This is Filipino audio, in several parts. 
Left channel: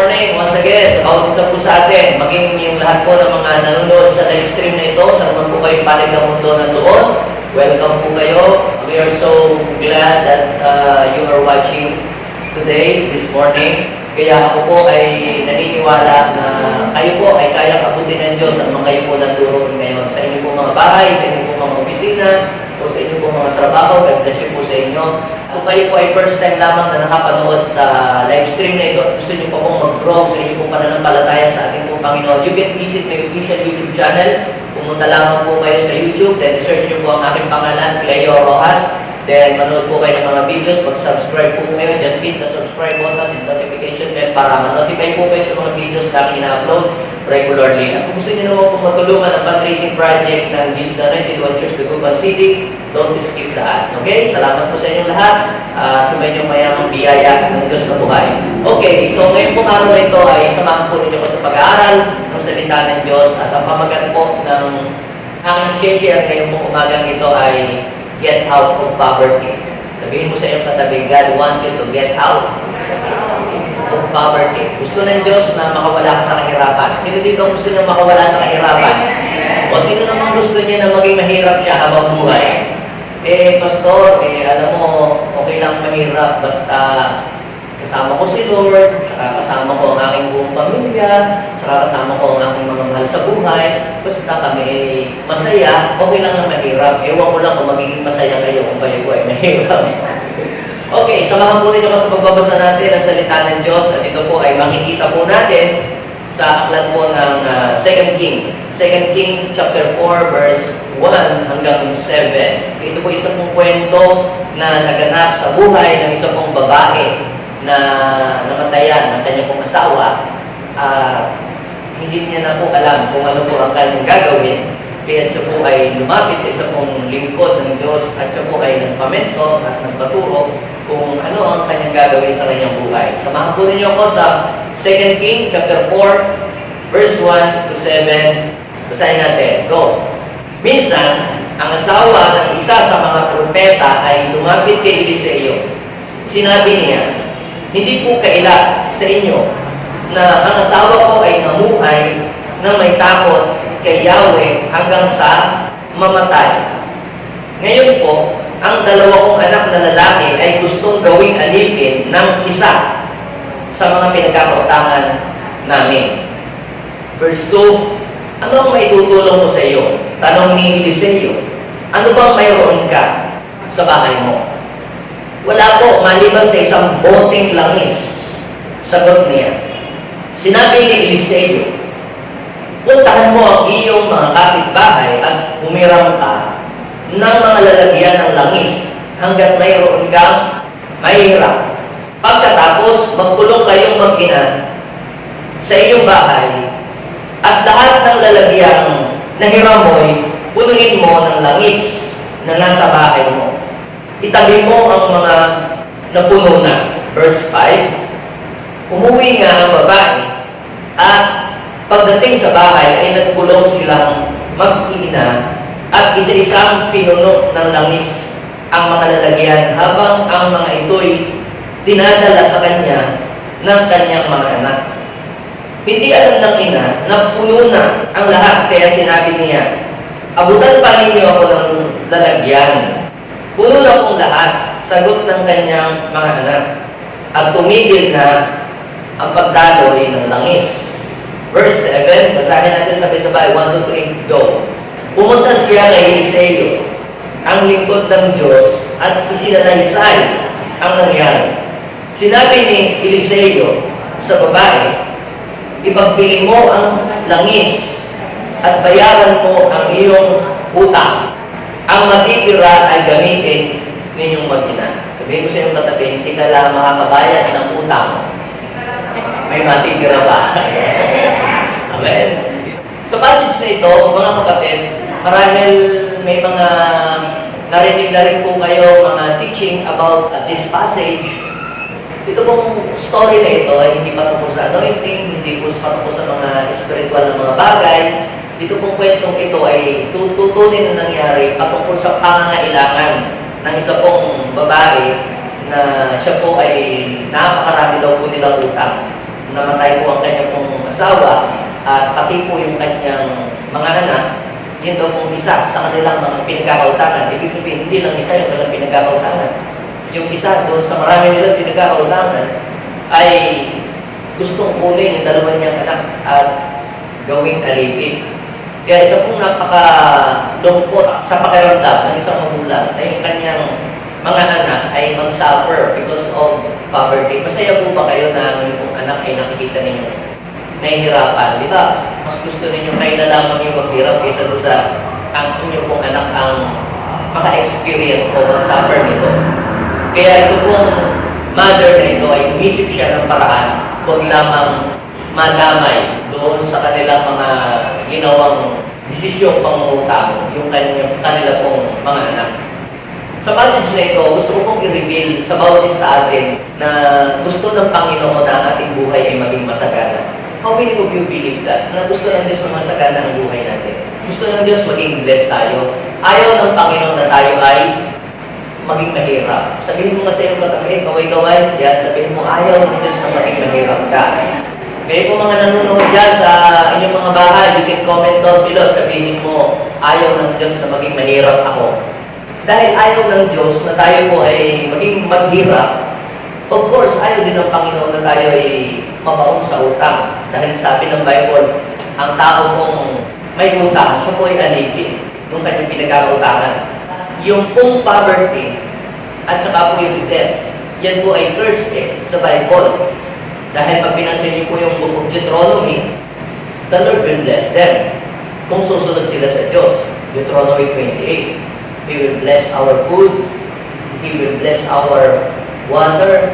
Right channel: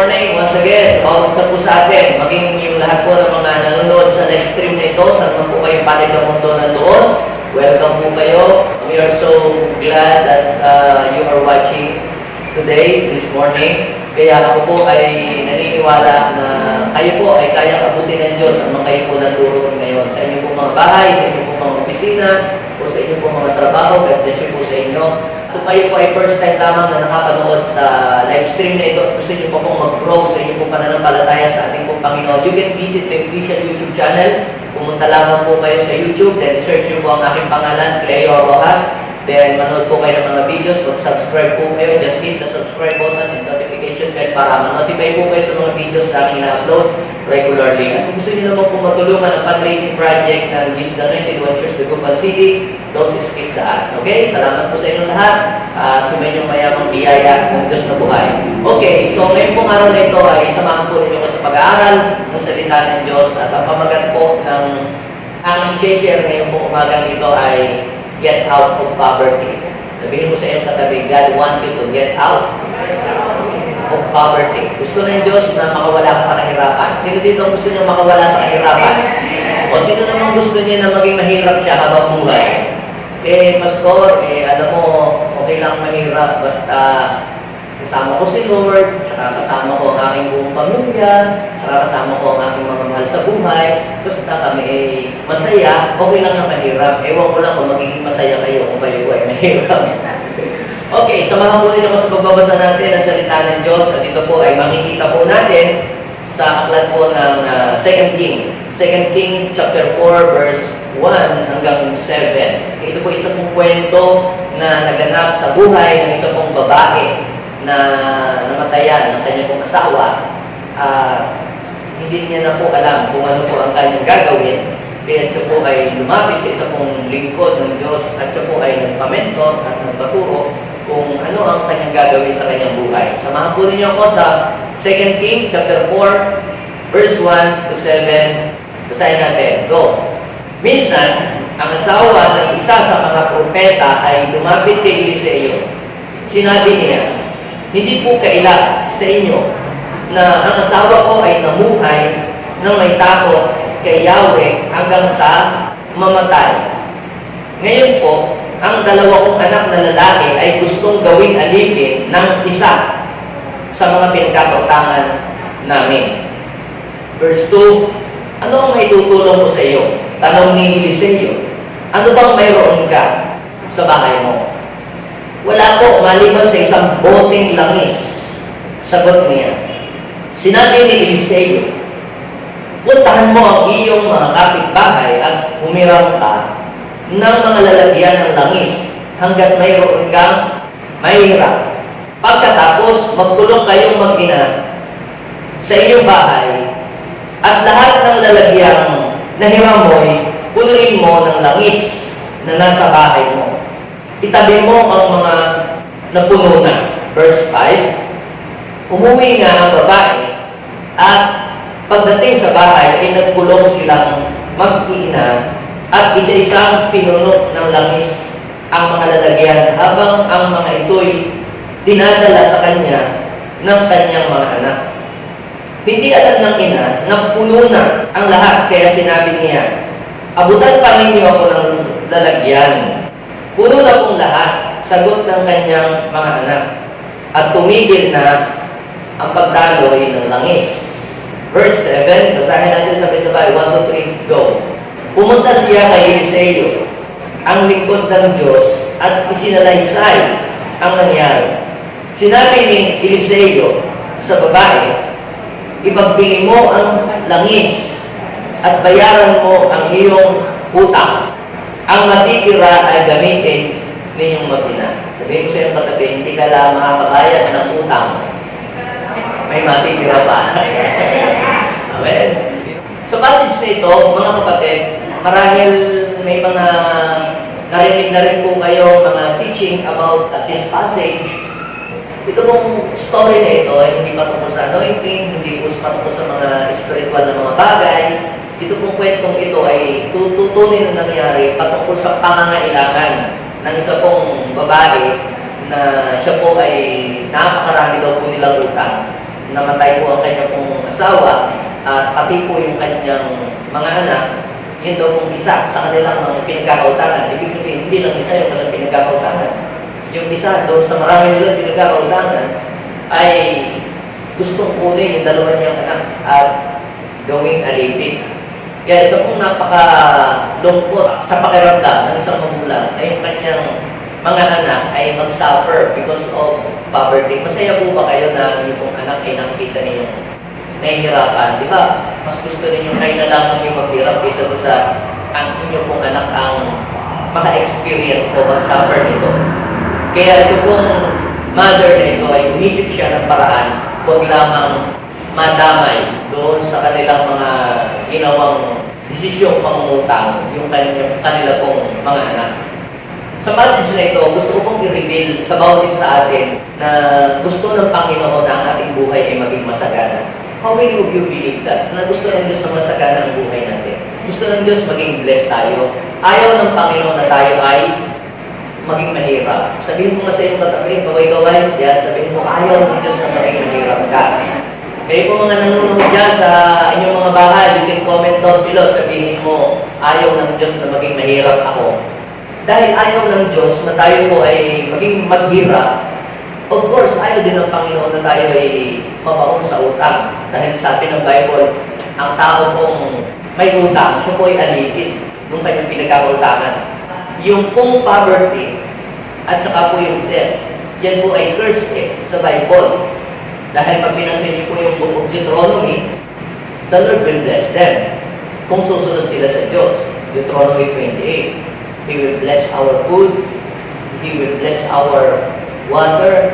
morning once again sa bawat isa po sa atin, maging yung lahat po ng mga nanonood sa live stream na ito, saan naman po kayong panig ng mundo nandoon. Welcome po kayo. We are so glad that you are watching today, this morning. Kaya ako po ay naniniwala na kayo po ay kayang abutin ng Diyos at mga kayo po nandoon ngayon sa inyong po mga bahay, sa inyong po mga opisina, o sa inyong po mga trabaho. God bless you po sa inyo. Kung kayo po ay first time lamang na nakapanood sa live stream na ito, gusto niyo po pong mag-grow sa inyong pong pananampalataya sa ating pong Panginoon, you can visit my official YouTube channel. Pumunta lamang po kayo sa YouTube, then search niyo po ang aking pangalan, Cleo Rojas. Then manood po kayo ng mga videos, mag-subscribe po kayo, just hit the subscribe button and notification bell para ma-notify po kayo sa mga videos na aking ina-upload regularly. At kung gusto niyo naman po matulungan ang fundraising project ng Jesus the Anointed One Church, Dagupan City, don't skip the ads. Okay? Salamat po sa inyong lahat at sa inyong mayamang biyaya ng Diyos na buhay. Okay, so ngayon po araw na ito ay samahan po ninyo ko sa pag-aaral ng salita ng Diyos at ang pamagat po ng aking share ngayon po umagang ito ay get out of poverty. Sabihin mo sa iyong katabi, God wants you to get out of poverty. Gusto ng Diyos na makawala ka sa kahirapan. Sino dito gusto nyo makawala sa kahirapan? O sino namang gusto niya na maging mahirap siya habang buhay? Pastor, alam mo, okay lang mahirap basta kasama ko si Lord, tsaka kasama ko ang aking buong pamilya, tsaka kasama ko ang aking mga mahal sa buhay, basta kami ay masaya, okay lang na mahirap. Ewan ko lang kung magiging masaya kayo kung kayo ay mahirap. Okay, samahan po ninyo ko sa pagbabasa natin ng salita ng Diyos at ito po ay makikita po natin sa aklat po ng 2 King. 2 King chapter 4 verse 1 hanggang 7. Ito po isang pong kwento na naganap sa buhay ng isang pong babae na namatayan ng kanyang pong asawa. Hindi niya na po alam kung ano po ang kanyang gagawin. Kaya siya po ay lumapit sa isang pong lingkod ng Diyos at siya po ay nagpamentor at nagpaturo kung ano ang kanyang gagawin sa kanyang buhay. Samahan po ninyo ako sa 2 King chapter 4 verse 1 to 7. Basahin natin. Go! Minsan, ang asawa ng isa sa mga propeta ay lumapit kay Eliseo. Sinabi niya, hindi po kaila sa inyo na ang asawa ko ay namuhay nang may takot kay Yahweh hanggang sa mamatay. Ngayon po, ang dalawa kong anak na lalaki ay gustong gawing alipin ng isa sa mga pinagkakautangan namin. Verse 2, ano ang maitutulong ko sa iyo? Tanong ni Eliseo, ano bang mayroon ka sa bahay mo? Wala po, maliban sa isang boteng langis. Sagot niya. Sinabi ni Eliseo, puntahan mo ang iyong mga kapitbahay at humiram ka ng mga lalagyan ng langis hanggat mayroon kang mahirap. Pagkatapos, magkulong kayong mag-ina sa iyong bahay at lahat ng lalagyan na hiram mo'y punuin mo ng langis na nasa bahay mo. Itabi mo ang mga napuno na. Verse 5, umuwi nga ang babae at pagdating sa bahay ay nagkulong silang mag-iina at isa-isang pinunok ng langis ang mga lalagyan habang ang mga ito'y dinadala sa kanya ng kanyang mga anak. Hindi alam ng ina na puno na ang lahat kaya sinabi niya, abutan pa ninyo ako ng lalagyan. Puno na pong lahat, sagot ng kanyang mga anak. At tumigil na ang pagdaloy ng langis. Verse 7, basahin natin sabay-sabay. 1, 2, 3, go. Pumunta siya kay Eliseo, ang lingkod ng Diyos, at isinalaysay ang nangyari. Sinabi ni Eliseo sa babae, ipagbili mo ang langis at bayaran mo ang iyong utang. Ang matitira ay gamitin ninyong mag-ina. Sabihin ko sa iyong katabi, hindi ka lang makakabayad ng utang. May matitira ba? Amen. Sa passage na ito, mga kapatid, marahil may mga narinig na rin po kayo mga teaching about this passage. Ito pong story na ito ay hindi patungkol sa anointing, hindi po patungkol sa mga spiritual na mga bagay. Ito pong kwentong ito ay tututunin na nangyari patungkol sa pangangailangan ng isa pong babae na siya po ay napakarami daw po nilang utang. namatay po ang kanyang pong asawa at pati po yung kanyang mga anak, yun daw pong isa sa kanilang mga pinagkakautangan. Ibig sabihin, hindi lang isa yung kanilang pinagkakautangan. Yung isa doon sa marami nilang pinagkakautangan ay gustong kunin yung dalawa niyang anak at gawing alipin. Kaya isa pong napakalungkot sa pakiramdam ng isang magulang na yung kanyang mga anak ay mag-suffer because of poverty. Masaya po ba kayo na ang inyong anak ay nakikita ninyong nahihirapan? Di ba? Mas gusto ninyo kayo na lamang yung maghirap kaysa doon sa ang inyong pong anak ang maka-experience o mag-suffer nito. Kaya ito pong mother na ito ay umisip siya ng paraan, huwag lamang madamay doon sa kanilang mga ginawang desisyong pangungutang yung kanila pong mga anak. Sa passage na ito, gusto ko pong i-reveal sa bawat isa sa atin na gusto ng Panginoon na ang ating buhay ay maging masagana. How many of you believe that? Na gusto ng Diyos na masagana ang buhay natin. Gusto ng Diyos maging blessed tayo. Ayaw ng Panginoon na tayo ay maging mahirap. Sabihin mo nga sa iyong katabi, gaway-gaway, yan, sabihin mo, ayaw ng Diyos na maging mahirap ka. Kayo po mga nanonood dyan sa inyong mga bahay, you can comment down below, sabihin mo, ayaw ng Diyos na maging mahirap ako. Dahil ayaw ng Diyos na tayo po ay maging maghirap, of course, ayaw din ng Panginoon na tayo ay mabaon sa utang. Dahil sabi ng Bible, ang tao pong may utang, siya po ay alipin nung kanyang pinagkakautangan. Yung pong poverty at saka po yung debt, yan po ay curse sa Bible. Dahil pag binasa niyo po yung Book of Deuteronomy, the Lord will bless them kung susunod sila sa Diyos. Deuteronomy 28, He will bless our goods, He will bless our water,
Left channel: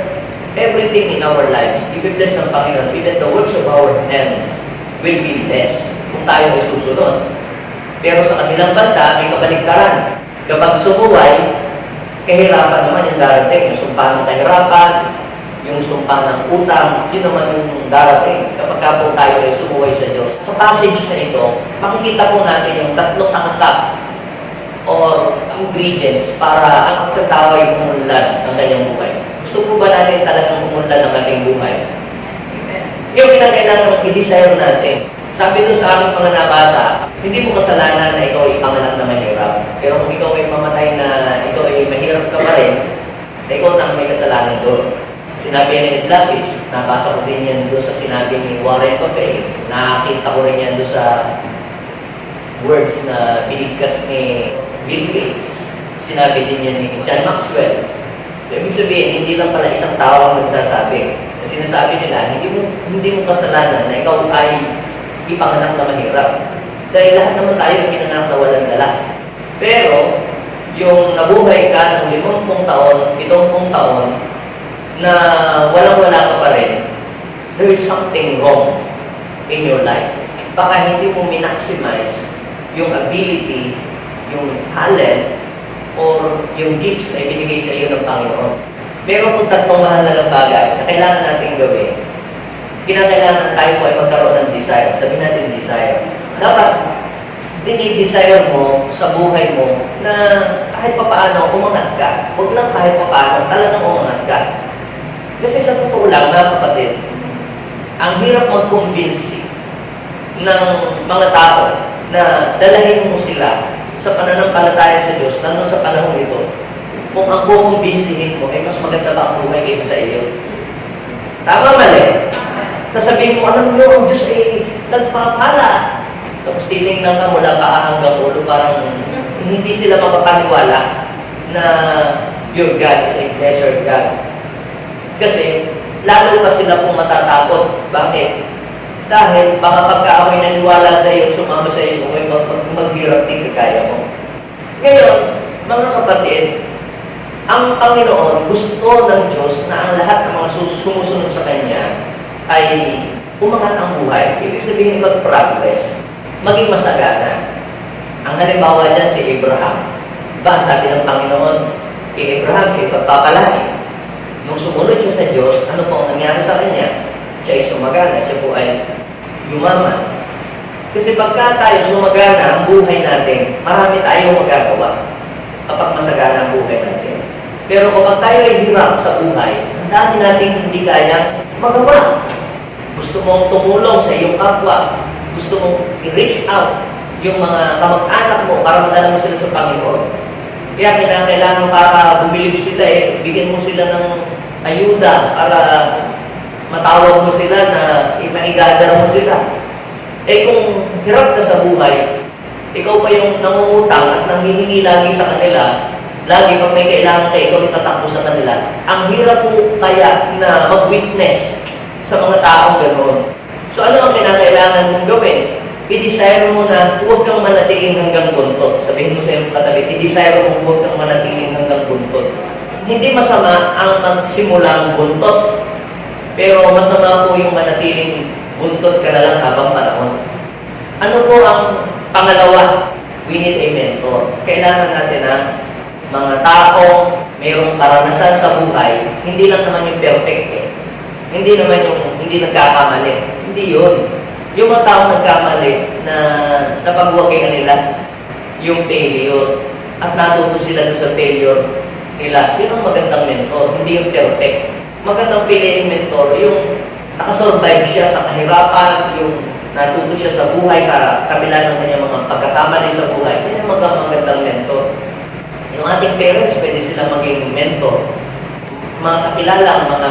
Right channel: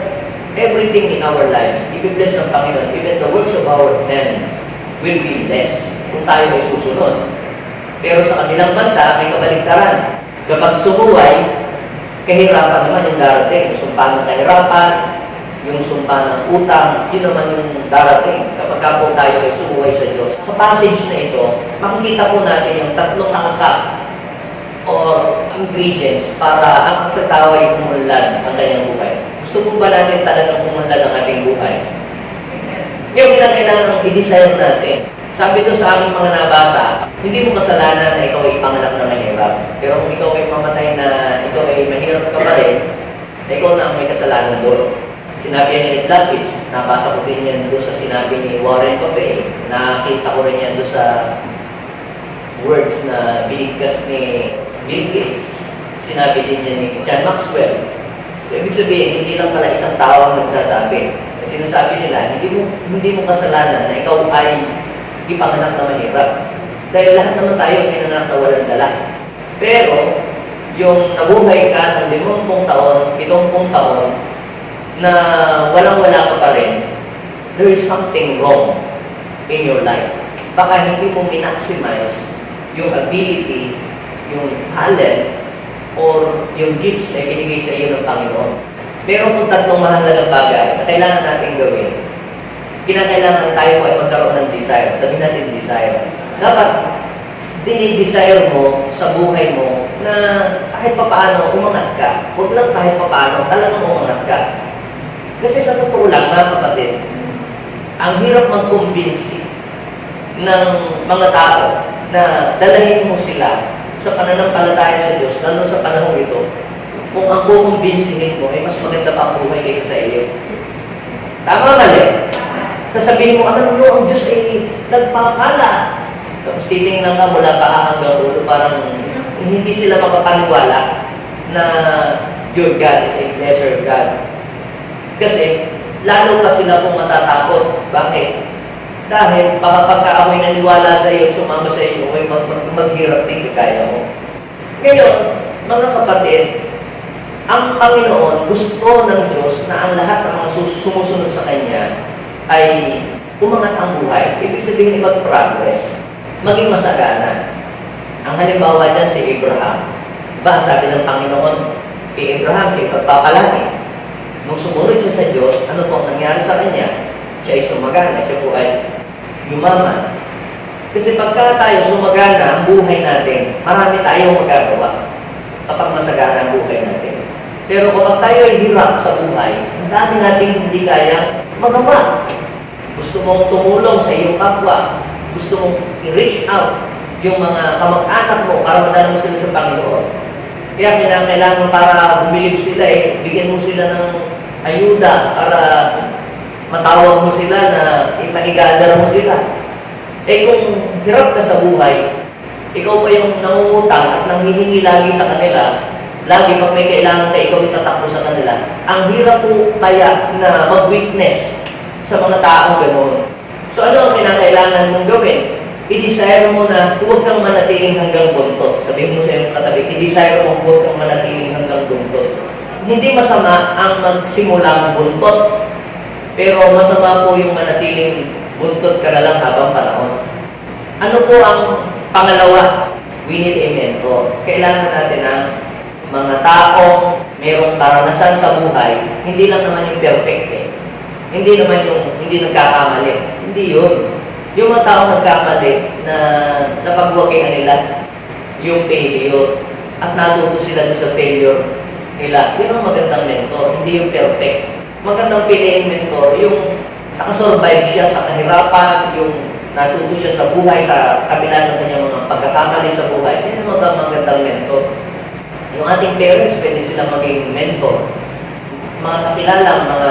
everything in our lives. He will bless ng Panginoon. Even the works of our hands will be blessed kung tayo ay susunod. Pero sa kanilang banda, may kabaligtaran. Kapag sumuway, kahirapan naman yung darating. Yung sumpa ng kahirapan, yung sumpa ng utang, yun naman yung darating kapag ka po tayo ay sumuway sa Diyos. Sa passage na ito, makikita po natin yung tatlo sangkap or ingredients para ang isang tao ay pumunlad ng kanyang buhay. Gusto po ba natin talagang pumunlad ng ating buhay? Yung pinakailangan i-desire natin. Sabi doon sa aming mga nabasa, hindi mo kasalanan na ikaw ay ipanganak na mahirap. Pero kung ikaw ay mamatay na ikaw ay mahirap ka pa rin, ikaw na ang may kasalanan doon. Sinabi ni Ned Lapis, nabasa ko din yan doon sa sinabi ni Warren Buffett. Nakita ko rin yan doon sa words na binigkas ni Bill Gates. Sinabi din yan ni John Maxwell. So, ibig sabihin, hindi lang pala isang tao ang nagsasabi. Kasi sinasabi nila, hindi mo kasalanan na ikaw ay ipanganak na mahirap. Dahil lahat naman tayo pinanganak na walang dala. Pero, yung nabuhay ka ng 50 taon, 70 taon, na walang-wala ka pa rin, there is something wrong in your life. Baka hindi mo minaximize yung ability, yung talent, or yung gifts na ibinigay sa iyo ng Panginoon. Meron pong tatlong mahalagang bagay na kailangan natin gawin. Kinakailangan tayo ay magkaroon ng desire. Sabihin natin desire. Dapat dinidesire mo sa buhay mo na kahit papaano umangat ka. Huwag lang kahit papaano, talagang umangat ka. Kasi sa totoo lang, mga kapatid, ang hirap mag-convince ng mga tao na dalahin mo sila sa pananampalataya sa Diyos, lalo sa panahon ito, kung ang kukumbinsihin mo ay mas maganda pa ang buhay kaysa sa iyo. Tama mali? Sasabihin mo, alam mo, ang Diyos ay nagpakala. Tapos titingnan ka mula paa hanggang ulo, parang hindi sila mapapaniwala na your God is a pleasure God. Kasi, lalo pa sila pong matatakot. Bakit? Dahil baka pagka ako'y naniwala sa iyo at sumama sa iyo, ako'y maghirap din kagaya mo. Ngayon, mga kapatid, ang Panginoon gusto ng Diyos na ang lahat ng mga sumusunod sa Kanya ay umangat ang buhay. Ibig sabihin mag-progress, maging masagana. Ang halimbawa dyan si Abraham. Ba, sabi ng Panginoon, kay Abraham, siya ipagpapalaki. Nung sumunod siya sa Diyos, ano po ang nangyari sa kanya? Siya ay sumagana, siya po ay yumaman. Kasi pagka tayo sumagana ang buhay natin, marami tayong magagawa kapag masagana ang buhay natin. Pero kapag tayo ay hirap sa buhay, ang dami nating hindi kayang magawa. Gusto mong tumulong sa iyong kapwa. Gusto mong i-reach out yung mga kamag-anak mo para madala mo sila sa Panginoon. Kaya kailangan para bumilib sila bigyan mo sila ng ayuda para matawag mo sila na maigadar mo sila. Kung hirap ka sa buhay, ikaw pa yung nangungutang at nanghihingi lagi sa kanila, lagi pag may kailangan ka, ikaw itatakbo sa kanila. Ang hirap po kaya na mag-witness sa mga taong ganoon. So ano ang kinakailangan mong gawin? I-desire mo na huwag kang manatiling hanggang buntot. Sabihin mo sa iyong katabi, i-desire mo huwag kang manatiling hanggang buntot. Hindi masama ang magsimulang buntot, pero masama po yung manatiling buntot ka na lang habang panahon. Ano po ang pangalawa? We need a mentor. Kailangan natin ang mga taong mayroong karanasan sa buhay, hindi lang naman yung perfect Hindi naman yung hindi nagkakamali. Hindi yun. Yung mga taong nagkamali na napagwagay na nila yung failure at natuto sila doon sa failure nila. Yun ang magandang mentor, hindi yung perfect. Magandang piliing mentor, yung nakasurvive siya sa kahirapan, yung natuto siya sa buhay, sa kabila ng kanyang mga pagkakamali sa buhay. Yan ang magandang mentor. Yung ating parents, pwede sila maging mentor. Mga kakilala, mga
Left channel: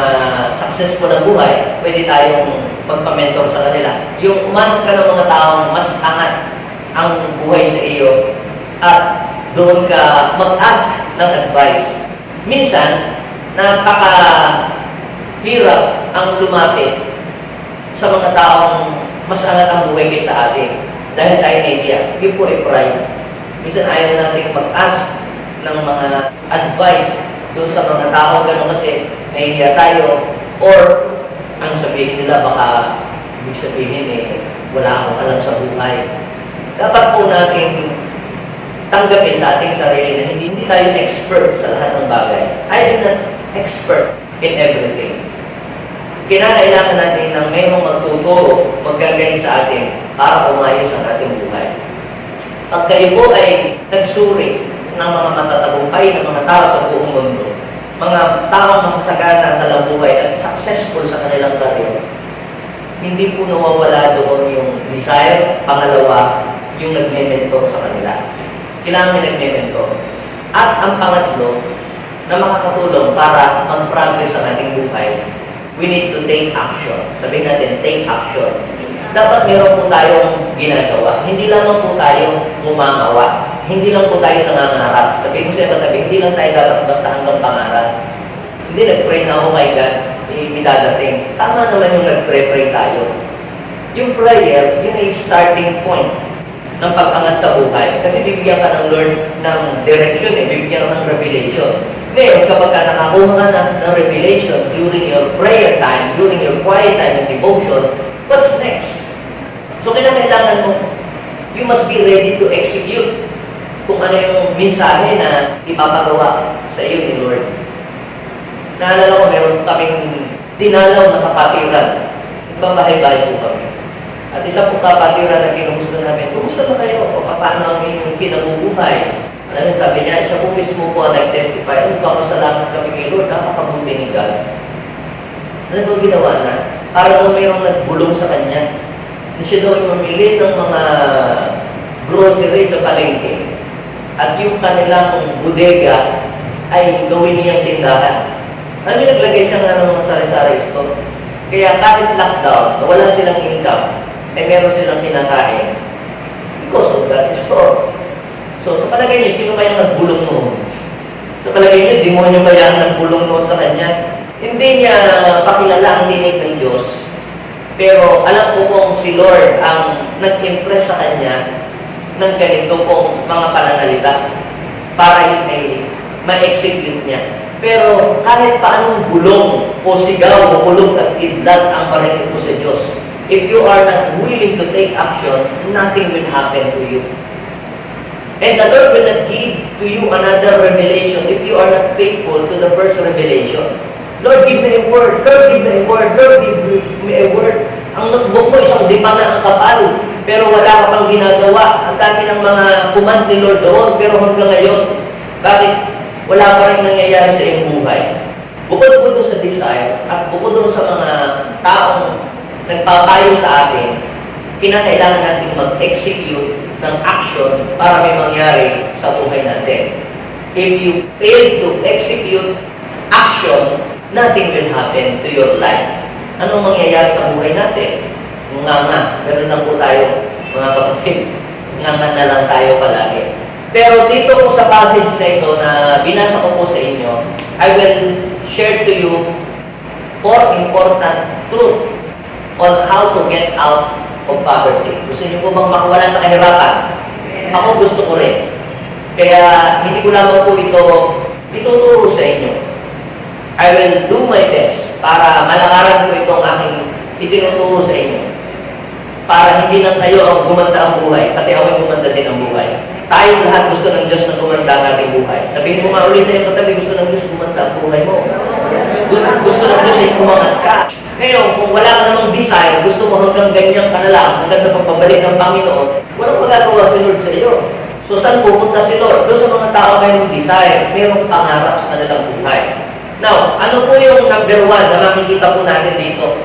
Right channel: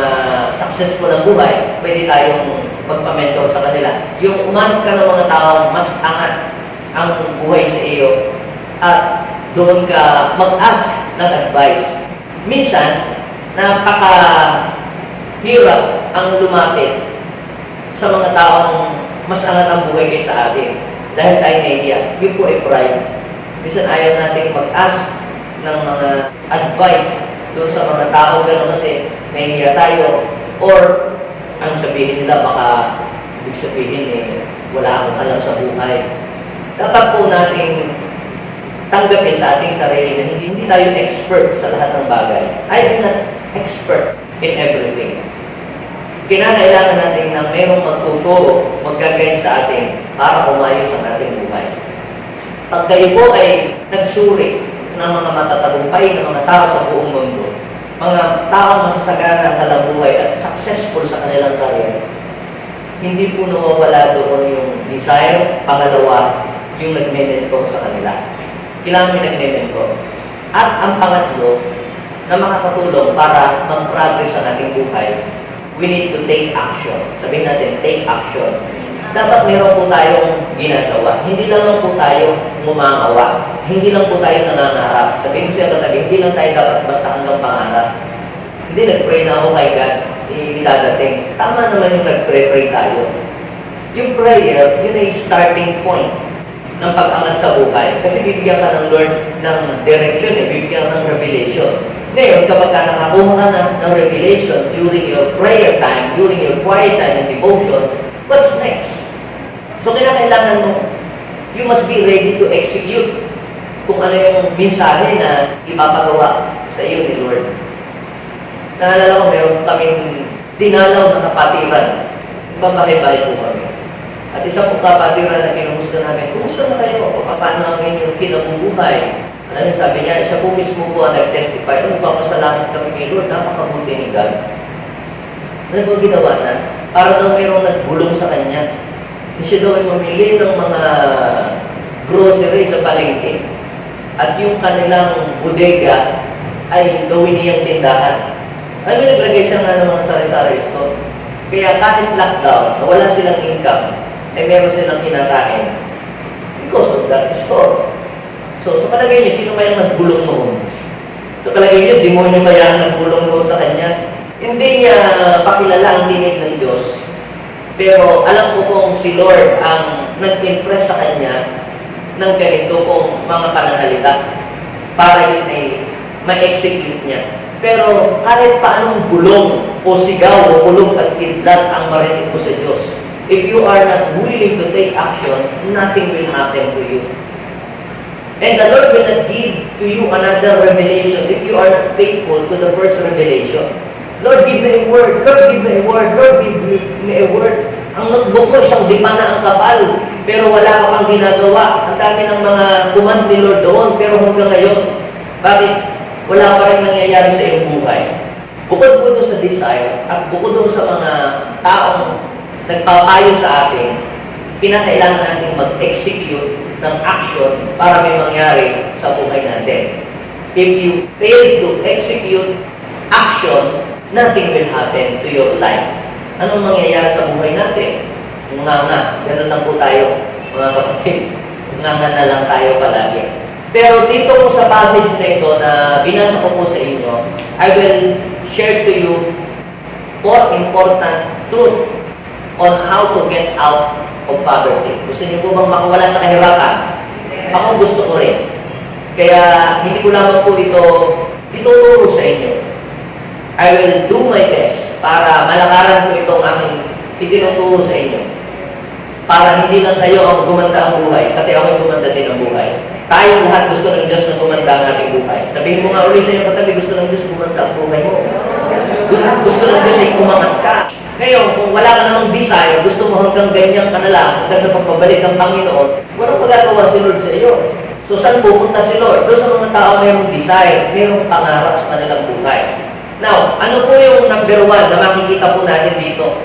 successful na buhay, pwede tayong magpa-mentor sa kanila. Yung umanap ka ng mga taong mas angat ang buhay sa iyo at doon ka mag-ask ng advice. Minsan, napaka-hirap ang lumapit sa mga taong mas angat ang buhay kaysa atin dahil tayo nahihiya. Yun po ay pride. Minsan ayaw natin mag-ask ng mga advice doon sa mga taong gano'n kasi nahihiya tayo or ang sabihin nila baka ibig sabihin wala akong alam sa buhay. Dapat po natin tanggapin sa ating sarili na hindi tayo expert sa lahat ng bagay. I am not expert in everything. Kinakailangan natin ng mayroong magtuturo, maggagayin sa atin para umayos ang ating buhay. Pag kayo po ay nagsuri ng mga matatagumpay ng mga tao sa buong mundo, mga taong masasagana ang kanilang buhay at successful sa kanilang career, hindi po nawawala doon yung desire. Pangalawa, yung nagme-mentor sa kanila. Kailangan may nagme-mentor. At ang pangatlo, na makakatulong para mag-progress ang ating buhay, we need to take action. Sabihin natin, take action. Dapat meron po tayong ginagawa. Hindi lang po tayo mumamawa. Hindi lang po tayo nangangarap. Sabihin mo siya katabi, hindi lang tayo dapat basta hanggang pangarap. Hindi, nag-pray na ako kay God, idadating. Tama naman yung nag-pray tayo. Yung prayer, yun ay starting point ng pag-angat sa buhay. Kasi bibigyan ka ng Lord ng direction, bibigyan ka ng revelation. Ngayon, kapag ka nakakuha ka ng revelation during your prayer time, during your quiet time and devotion, what's next? So, kailangan mo, you must be ready to execute kung ano yung mensahe na ipapagawa sa iyo ni Lord. Naalala ko, meron kaming dinalaw na kapatiran. Babahay-bahay po kami. At isa po kapatiran na kinumusta namin, kumusta na kayo? Paano ang inyong kinabubuhay? Alam niyo, sabi niya, isa po mismo po ang nag-testify, magpapasalamat kami kay Lord, napakabuti ni God. Ano po ginawa na? Para daw mayroong nagbulong sa kanya. Na siya daw ay mamili ng mga grocery sa palengke. At yung kanilang bodega ay gawin niyang tindahan. Alam niyo, naglagay siya nga ng mga sari-sari store. Kaya kahit lockdown, wala silang income, ay meron silang kinakain because of that store. So, sa palagay niyo, sino kayang nagbulong noon? Sa palagay niyo, demonyo kaya ang nagbulong noon sa kanya? Hindi niya pakilala ang tinig ng Diyos. Pero alam ko pong si Lord ang nag-impress sa kanya ng ganito pong mga pananalita para yun ay ma-execute niya. Pero kahit paanong bulong o sigaw o kulog at kidlat ang marinig ko sa Diyos, if you are not willing to take action, nothing will happen to you. And the Lord will not give to you another revelation if you are not faithful to the first revelation. Lord, give me a word. Lord, give me a word. Lord, give me a word. Ang notebook mo, isang dipa na ang kapal. Pero wala ka pang ginagawa. Ang dami ng mga command ni Lord doon. Pero hanggang ngayon, bakit wala pa rin nangyayari sa iyong buhay? Bukod po doon sa desire at bukod doon sa mga taong nagpapayo sa atin, kinakailangan natin mag-execute ng action para may mangyari sa buhay natin. If you fail to execute action, nothing will happen to your life. Anong mangyayari sa buhay natin? Nganga. Ganun lang po tayo, mga kapatid. Nganga na lang tayo palagi. Pero dito po sa passage na ito na binasa ko po sa inyo, I will share to you 4 important truths on how to get out of poverty. Gusto niyo po bang makawala sa kahirapan? Ako gusto ko rin. Kaya hindi ko lamang po ito ituturo sa inyo. I will do my best para malakaran ko itong aking itinuturo sa inyo. Para hindi lang kayo ang gumanda ang buhay, pati ako yung gumanda din ang buhay. Tayo lahat gusto ng Diyos na gumanda ang ating buhay. Sabihin mo nga ulit sa iyong katabi, gusto ng Diyos gumanda ang buhay mo. Gusto ng Diyos ay umangat ka. Ngayon, kung wala ka namang desire, gusto mo hanggang ganyan ka na lang, hanggang sa pagbabalik ng Panginoon, walang magagawa si Lord sa iyo. So, saan pupunta si Lord? Doon sa mga tao mayroong desire, mayroong pangarap sa kanilang buhay. Now, ano po yung number 1 na makikita po natin dito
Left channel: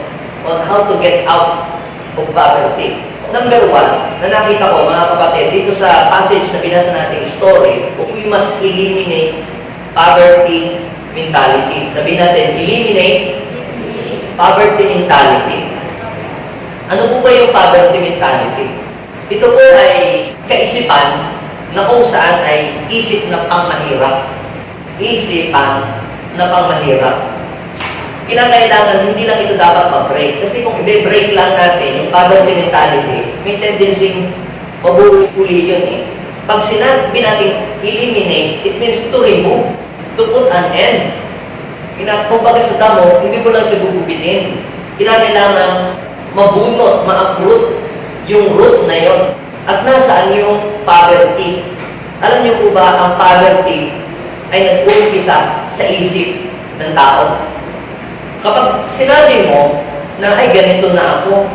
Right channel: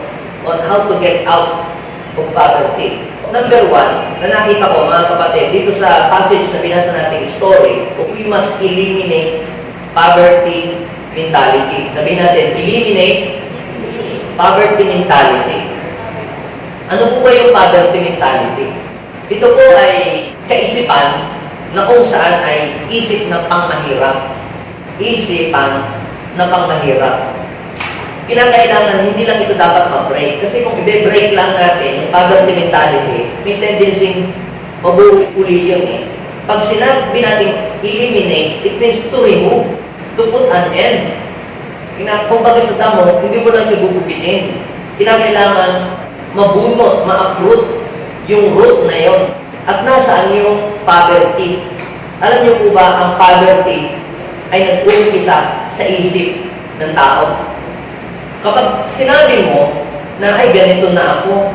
on how to get out of poverty? Number 1, na nakita ko mga kapatid, dito sa passage na binasa nating story, we must eliminate poverty mentality. Sabihin natin, eliminate poverty mentality. Ano po ba yung poverty mentality? Ito po ay kaisipan na kung saan ay isip na pangmahirap. Isipan na pangmahirap. Kinakailangan, hindi lang ito dapat mag-break. Kasi kung i-break lang natin yung poverty mentality, may tendency mabuhuli yun eh. Pag sinabi natin eliminate, it means to remove, to put an end. Kung baga sa damo, hindi mo lang siya gugupitin. Kinakailangan mabunot, ma-uproot yung root na yon. At nasaan yung poverty? Alam niyo po ba, ang poverty ay nag-uumpisa sa isip ng tao. Kapag sinabi mo na ay ganito na ako,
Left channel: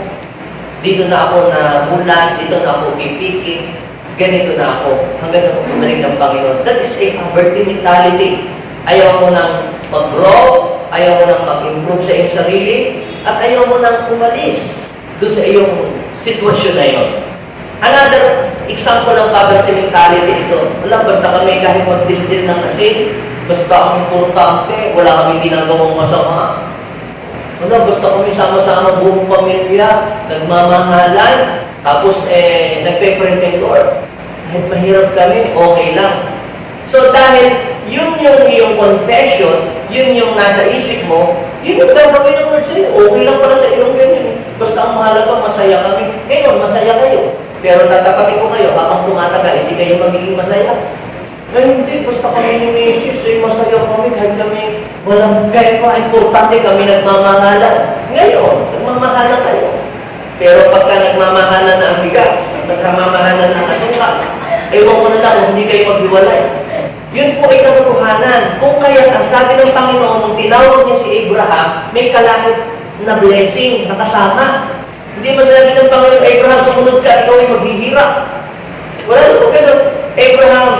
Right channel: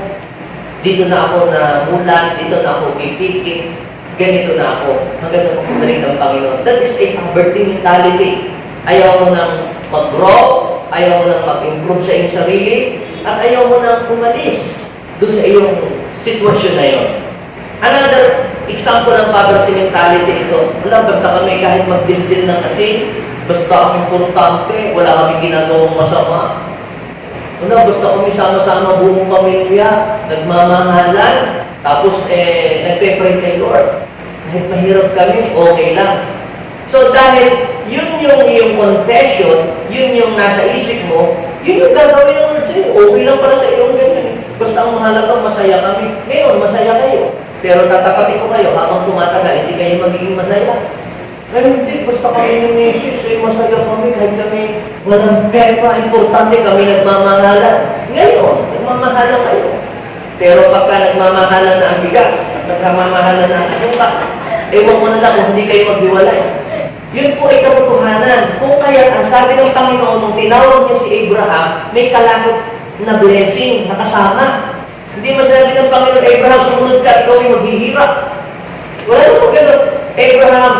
dito na ako na mulat, dito na ako pipikit, ganito na ako, hanggang sa pagbabalik ng Panginoon. That is a poverty mentality. Ayaw mo nang mag-grow, ayaw mo nang mag-improve sa iyong sarili, at ayaw mo nang umalis doon sa iyong sitwasyon na yon. Another example ng poverty mentality ito, wala, basta kami kahit magdildil ng asin, basta kami importante, wala kami ginagawang masama. Wala, basta kami sama-sama buong pamilya, nagmamahalan, tapos nagpe-pray kay Lord. Kahit mahirap kami, okay lang. So dahil yun yung iyong confession, yun yung nasa isip mo, yun yung gagawin ng Lord sa'yo. Okay lang pala sa iyong ganyan. Basta ang mahalaga, masaya kami. Ngayon, masaya kayo. Pero tatapatin ko kayo, habang tumatagal, hindi kayo magiging masaya. Ay, hindi. Basta kami ni Mrs. ay masaya kami kahit kami walang pera. Importante kami nagmamahalan. Ngayon, nagmamahalan kayo. Pero pagka nagmamahalan na ang bigas, at nagmamahalan na ang asukal, ewan ko na lang kung hindi kayo maghiwalay. Yun po ay katotohanan. Kung kaya ang sabi ng Panginoon, nung tinawag niya si Abraham, may kalahit na blessing na kasama. Hindi masabi ng Panginoon, Abraham, sumunod ka, ikaw ay maghihirap. Wala na po ganun. Abraham,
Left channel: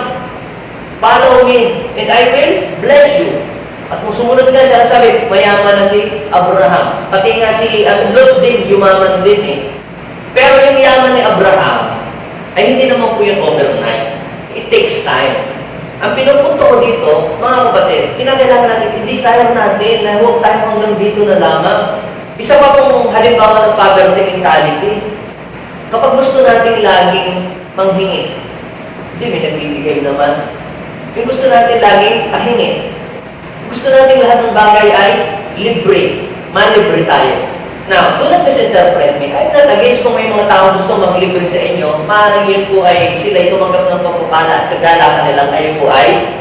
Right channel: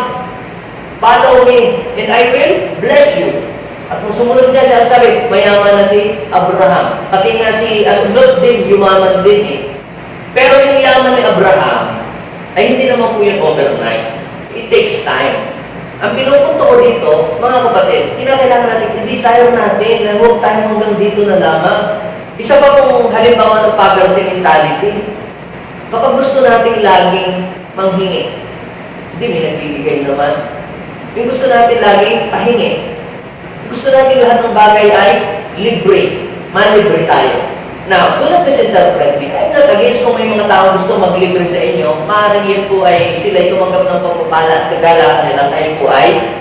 follow me, and I will bless you. At nung sumunod nga siya, sabi, mayaman na si Abraham. Pati nga si Lot din, yumaman din eh. Pero yung yaman ni Abraham, ay hindi naman po yun overnight. It takes time. Ang pinupunto ko dito, mga kapatid, kinakailangan natin, i-desire natin na huwag tayo hanggang dito na lamang. Isa pa pong halimbawa ng poverty mentality. Kapag gusto natin laging manghingi, hindi, may nagbibigay naman. Yung gusto natin laging pahingi. Gusto natin lahat ng bagay ay libre. Malibre tayo. Now, do not misinterpret me. I'm not against kung may mga tao gusto maglibre sa inyo. Maaaring yun po ay sila tumanggap ng pagpapala at kagalakan nilang kayo po ay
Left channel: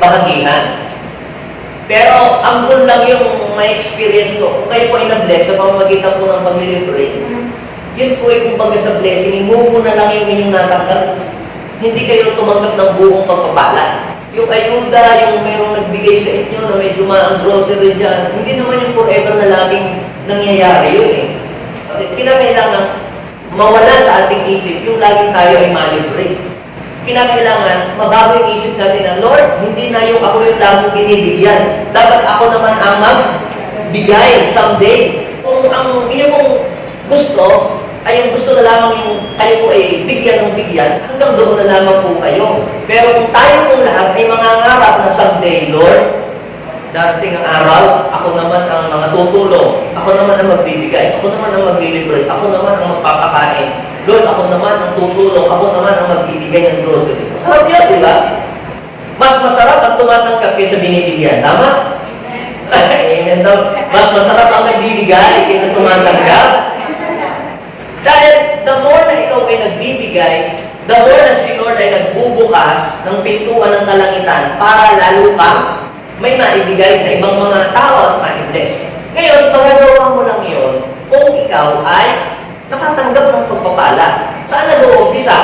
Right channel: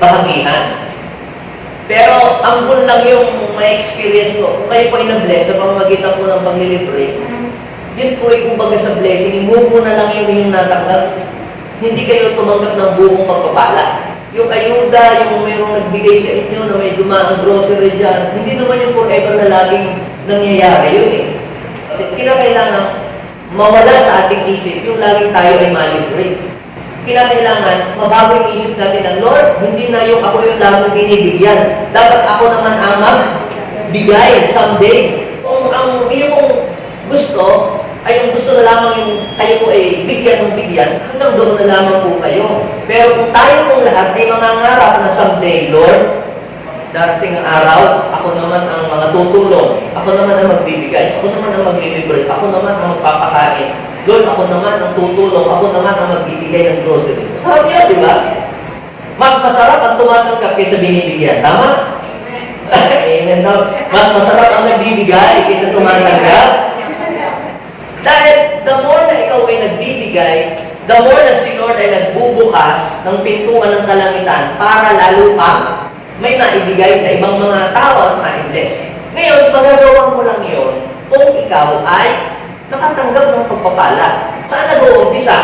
bahagihan. Pero ang goal lang yung may experience ko. Kung kayo po ay na-bless sa pamamagitan po ng paglilibre, yun po ay kumbaga sa blessing, imumo na lang yung inyong natanggap. Hindi kayo tumanggap ng buong pagpapala. Yung ayuda, yung mayroong nagbigay sa inyo na may dumaang grocery dyan, hindi naman yung forever na laging nangyayari yun eh. Kinakailangan mawala sa ating isip yung laging tayo ay malibre. Kinakailangan mabago yung isip natin ng Lord, hindi na yung ako yung laging binibigyan. Dapat ako naman ang magbigay someday. Kung Kung ang inyo pong gusto ay yung gusto na lamang yung kayo po ay bigyan ng bigyan, hanggang doon na lamang po kayo. Pero kung tayo pong lahat ay mangangarap na someday, Lord, darating ang araw, ako naman ang mga tutulong, ako naman ang magbibigay, ako naman ang maglilibre, ako naman ang magpapakain, Lord, ako naman ang tutulong, ako naman ang magbibigay ng grocery. Masarap yan, di ba? Mas masarap ang tumatanggap kaysa binibigyan. Tama? Amen daw. Mas masarap ang nagbibigay kaysa tumatanggap. Dahil the more na ikaw ay nagbibigay, the more na si Lord ay nagbubukas ng pintuan ng kalangitan para lalo kang may maibigay sa ibang mga tao at ma-bless. Ngayon, magagawa mo lang yun kung ikaw ay nakatanggap ng pagpapala. Saan nag-uumpisa?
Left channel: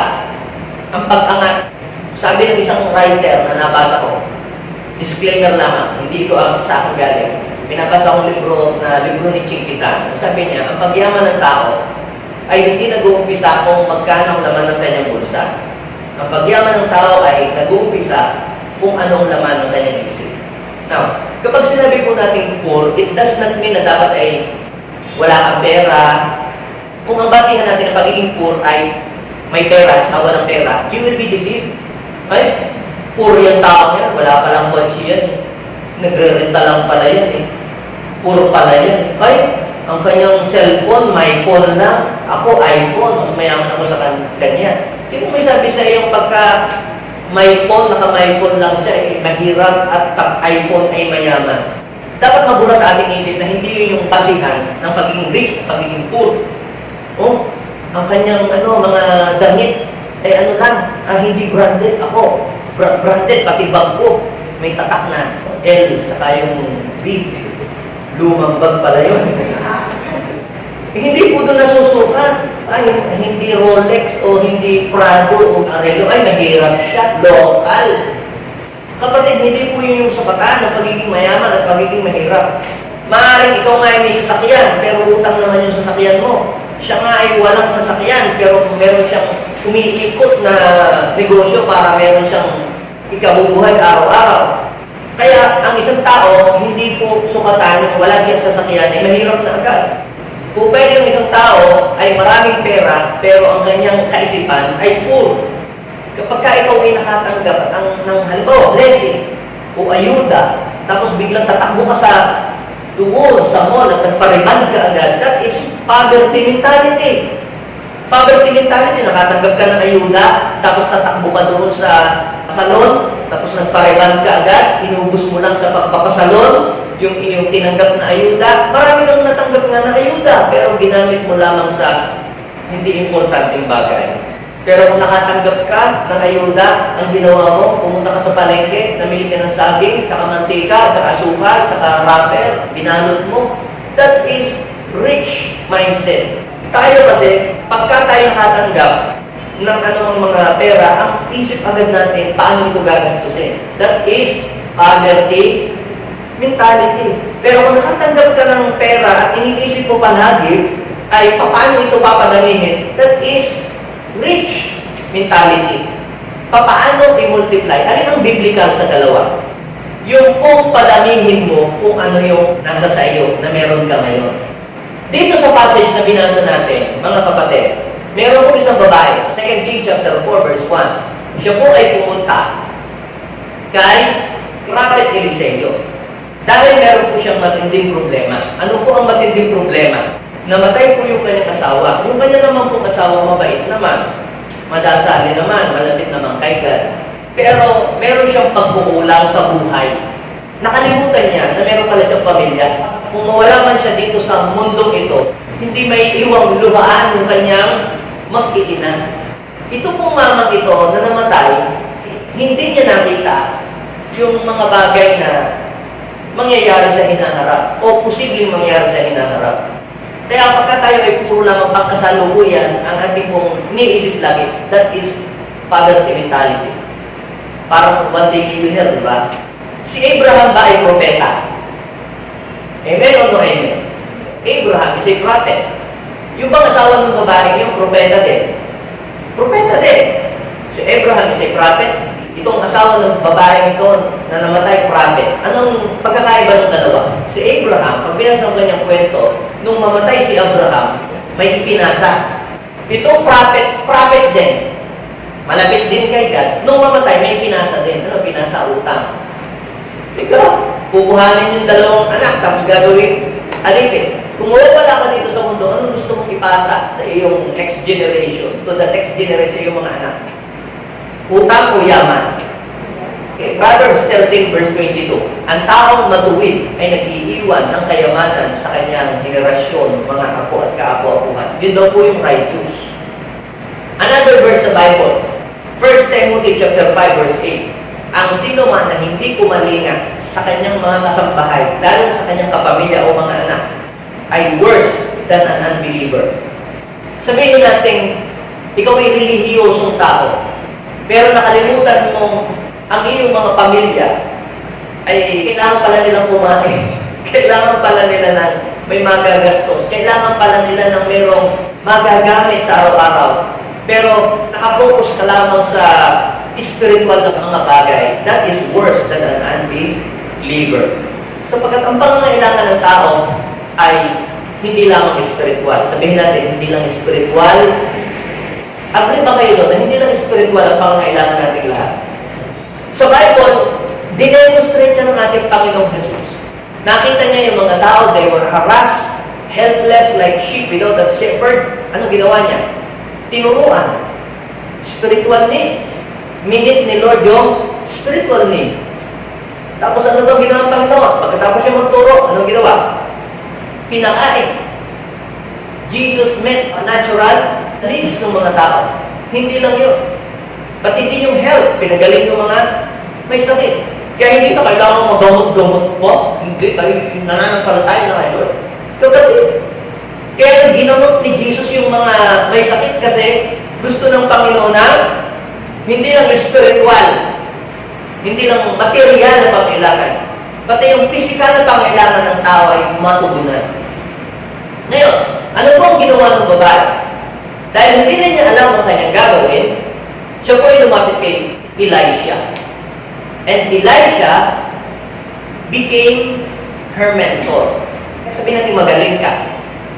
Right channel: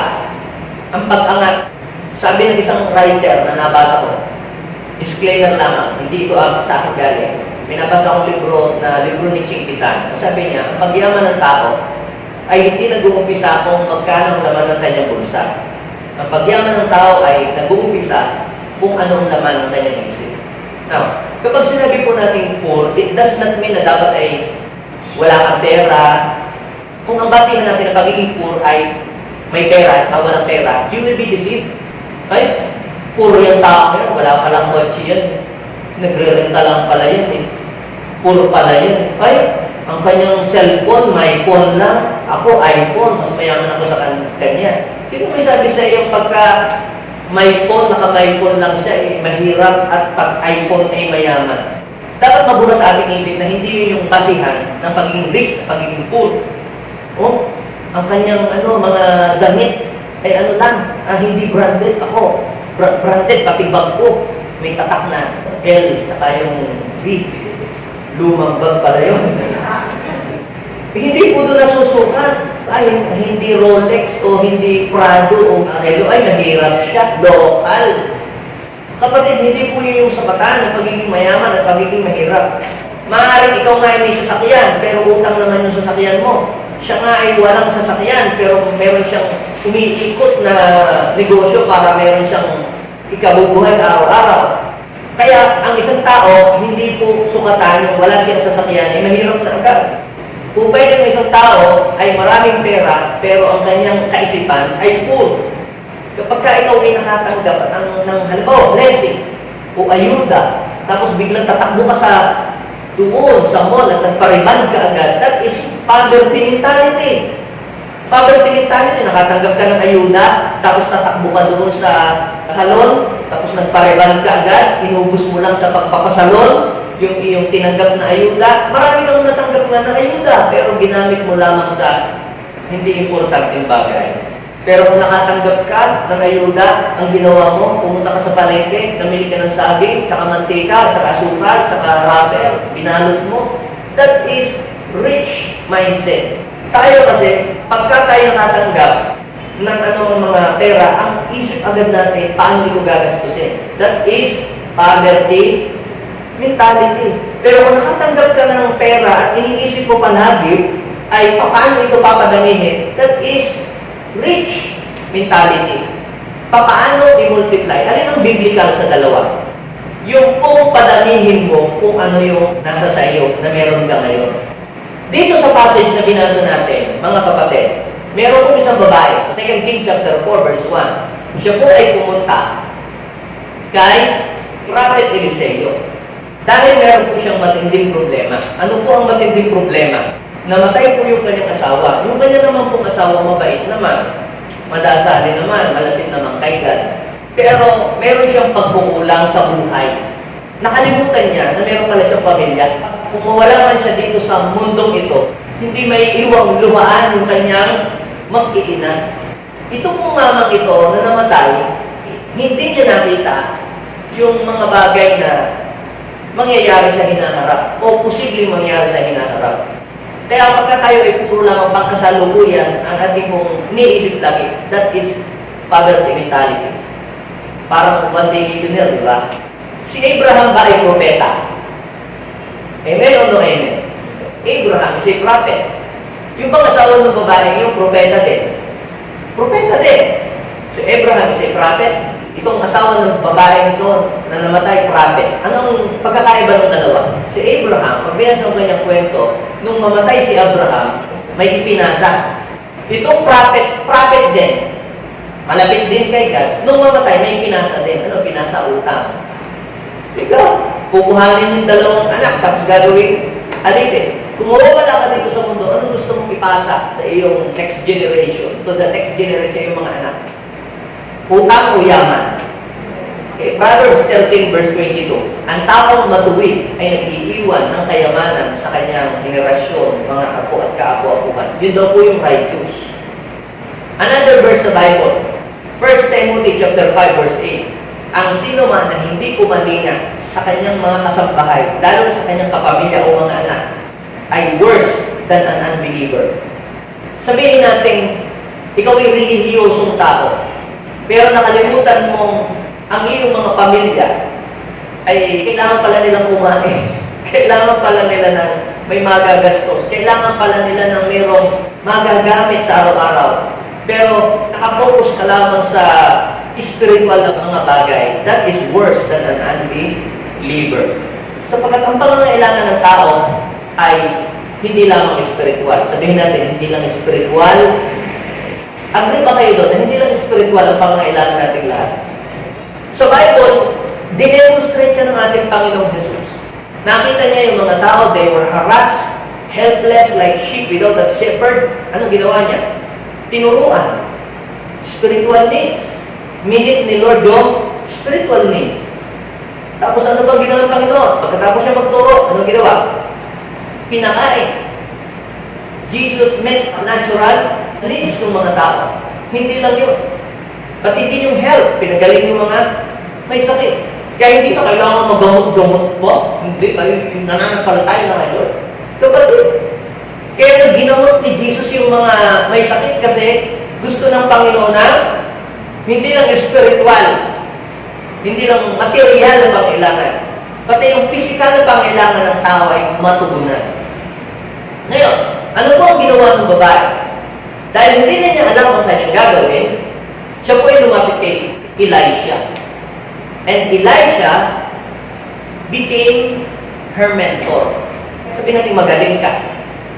Ang pag-angat. Sabi ng isang writer na nabasa ko, disclaimer lamang, hindi ito sa akin galing. Pinabasa kong libro ni Chinkitan. Sabi niya, ang pagyaman ng tao ay hindi nag-uumpisa kung magkano ang laman ng kanyang bulsa. Ang pagyaman ng tao ay nag-uumpisa kung anong laman ng kanyang isip. Now, kapag sinabi po natin poor, it does not mean na dapat ay wala kang pera. Kung ang basihan natin ng pagiging poor ay may pera at walang pera, you will be deceived. Ay, poor yung tao yan, wala palang kotse yan. Nagre-renta lang pala yan eh. Poor pala yan. Ay, ang kanyang cellphone, may phone lang. Ako, iPhone. Mas mayaman ako sa kanya. Sino may sabi sa iyong pagka may phone, naka-may phone lang siya, eh, mahirap at pag-iPhone ay mayaman? Dapat mabura sa ating isip na hindi yun yung basihan ng pagiging rich, pagiging poor. Oh, ang kanyang mga damit ay hindi branded. Ako, branded, pati bag ko. May tatak na L, tsaka yung B. Lumang bag pala yun. Hindi po doon nasusukat. Ay, hindi Rolex o hindi Prado o Arelo. Ay, mahirap siya. Local. Kapatid, hindi po yun yung sukatan ng pagiging mayaman at pagiging mahirap. Maaaring ikaw nga ay may sasakyan, pero utang naman yung sasakyan mo. Siya nga ay walang sasakyan, pero meron siyang umiikot na negosyo para meron siyang ikabubuhay araw-araw. Kaya ang isang tao, hindi po sukatan yung wala siyang sasakyan, ay mahirap na agad. Kung pwede yung isang tao ay maraming pera, pero ang kanyang kaisipan ay poor. Kapag ka ikaw ay nakatanggap ng halimbawa, blessing o ayuda, tapos biglang tatakbo ka doon sa mall at nagpariban ka agad, that is poverty mentality. Poverty mentality, nakatanggap ka ng ayuda, tapos tatakbo ka doon sa salon, tapos nagpariban ka agad, inubos mo lang sa pagpapasalon, yung iyong tinanggap na ayuda. Marami kang natanggap nga na ayuda, pero ginamit mo lamang sa hindi importanteng bagay. Pero kung nakatanggap ka ng ayuda, ang ginawa mo, pumunta ka sa palengke, namili ka ng saging, tsaka mantika, tsaka asukal, tsaka wrapper, binalot mo. That is rich mindset. Tayo kasi, pagka tayo nakatanggap ng mga pera, ang isip agad natin, paano ito gagastusin? That is poverty mentality. Pero kung nakatanggap ka ng pera at iniisip mo palagi, ay paano ito papadamihin? That is rich mentality. Paano i-multiply? Alin ang biblical sa dalawa? Yung kung padamihin mo kung ano yung nasa sa iyo na meron ka ngayon. Dito sa passage na binasa natin, mga kapatid, meron po isang babae sa 2 Kings chapter 4 verse 1. Siya po ay pumunta kay Prophet Eliseo. Dahil meron po siyang matinding problema. Ano po ang matinding problema? Namatay po yung kanyang asawa. Yung kanya naman pong asawa mabait naman. Madasali naman, malapit naman kay God. Pero meron siyang pagkukulang sa buhay. Nakalimutan niya na meron pala siyang pamilya. Kung mawala man siya dito sa mundong ito, hindi may iwang luhaan yung kanyang mag-iina. Ito pong mamang ito na namatay, hindi niya nakita yung mga bagay na mangyayari sa hinaharap o posibleng mangyayari sa hinaharap. Kaya pagka tayo ay puro lang ang pagkasalukuyan, ang ating mong iniisip lagi, that is poverty mentality. Parang one day millionaire, di ba? Si Abraham ba ay propeta? Amen o no amen? Abraham is a prophet. Yung bang asawa ng babae yung propeta din? Propeta din. So Abraham is a prophet. Itong asawa ng babae ito na namatay, prophet. Anong pagkakaiba ng dalawa? Si Abraham, pag binasa ang kanyang kwento, nung mamatay si Abraham, may ipinasa. Itong prophet din, malapit din kay God, nung mamatay, may ipinasa din. Ano pinasa? Utang. Ikaw, kukuhanin yung dalawang anak, tapos gagawin alipin. Kung mawawala ka dito sa mundo, anong gusto mong ipasa sa iyong next generation, to the next generation sa iyong mga anak? Utang o yaman? Okay, Proverbs 13 verse 22. Ang taong matuwid ay nag-iiwan ng kayamanan sa kanyang henerasyon, mga apo at kaapo-apuhan. Yun daw po yung righteous. Another verse sa Bible, 1 Timothy chapter 5 verse 8. Ang sino man na hindi kumalinga sa kanyang mga kasambahay, lalo sa kanyang kapamilya o mga anak, ay worse than an unbeliever. Sabihin natin, ikaw ay relihiyosong tao, pero nakalimutan mong ang iyong mga pamilya ay kailangan pala nilang kumain. Kailangan pala nila ng may magagastos. Kailangan pala nila ng mayroong magagamit sa araw-araw. Pero nakapokus ka lamang sa spiritual na mga bagay. That is worse than an unbeliever. Sapagkat ang pangangailangan ng tao ay hindi lamang spiritual. Sabihin natin, hindi lang spiritual. Agree ba kayo doon na hindi lang spiritual ang pangangailangan nating lahat? Sa Bible, dinemonstrate siya ng ating Panginoong Jesus. Nakita niya yung mga tao, they were harassed, helpless like sheep without a shepherd. Anong ginawa niya? Tinuruan. Spiritual needs. Minute ni Lord yung spiritual needs. Tapos ano daw ginawa ng Panginoon? Pagkatapos niya magturo, anong ginawa? Pinakain. Jesus met natural needs ng mga tao. Hindi lang yun. Pati din yung health, pinagaling yung mga may sakit. Kaya hindi na kailangan magamot-gamot po. Hindi, tayo nananampalataya na kay Lord. Kapatid, kaya ginamot ni Jesus yung mga may sakit kasi gusto ng Panginoon na hindi lang spiritual, hindi lang material na pangailangan, pati yung physical na pangailangan ng tao ay matugunan. Ngayon, ano po ang ginawa ng babae? Dahil hindi na niya alam ang kanyang gagawin, siya po ay lumapit kay Elisha. And Elisha became her mentor. Sabihin natin, magaling ka.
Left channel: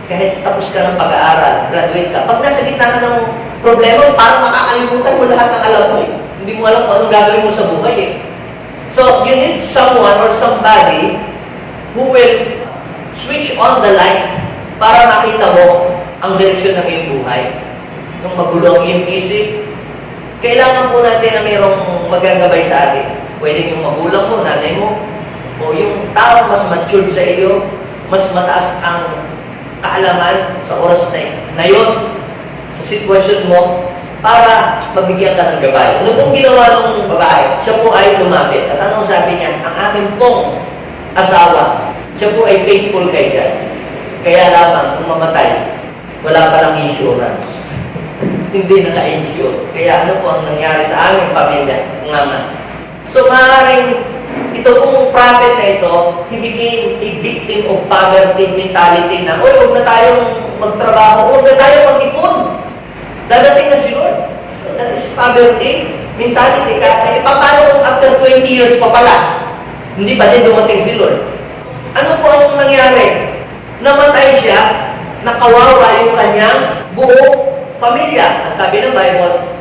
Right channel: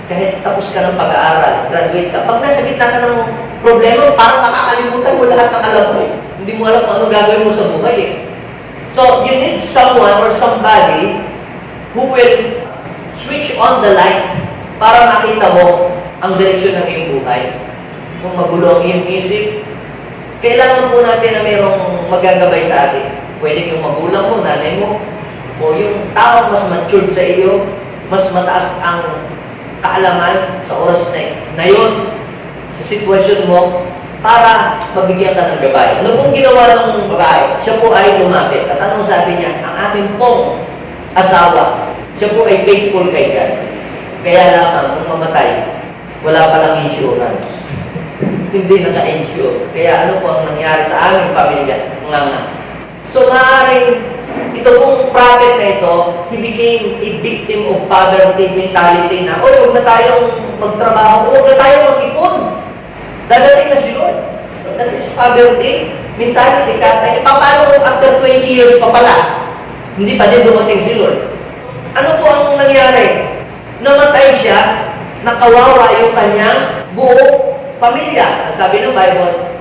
Kahit tapos ka ng pag-aaral, graduate ka. Pag nasa gitna ka ng problema, parang makakalimutan mo lahat ng alam mo. Hindi mo alam kung anong gagawin mo sa buhay. So, you need someone or somebody who will switch on the light para makita mo ang direksyon ng iyong buhay. Nung magulo ang iyong isip, kailangan po natin na mayroong magagabay sa atin. Pwede yung magulang mo, nanay mo, o yung tao mas matured sa iyo, mas mataas ang kaalaman sa oras na yun, sa sitwasyon mo, para mabigyan ka ng gabay. Ano pong ginawa ng babae? Siya po ay lumapit. At anong sabi niya? Ang aking pong asawa, siya po ay faithful kay God. Kaya lamang, kung mamatay, wala palang insurance. Hindi naka-insure. Kaya ano po ang nangyari sa aming pamilya? Nga. So maaaring ito pong prophet na ito, he became a victim of poverty mentality na, huwag na tayong magtrabaho, huwag na tayong mag-ipon. Dadating na si Lord. So that is poverty mentality. Paano kung after 20 years pa pala, hindi pa din dumating si Lord? Ano po ang nangyari? Namatay siya, nakawawa yung kanyang buong pamilya. Ang sabi ng Bible,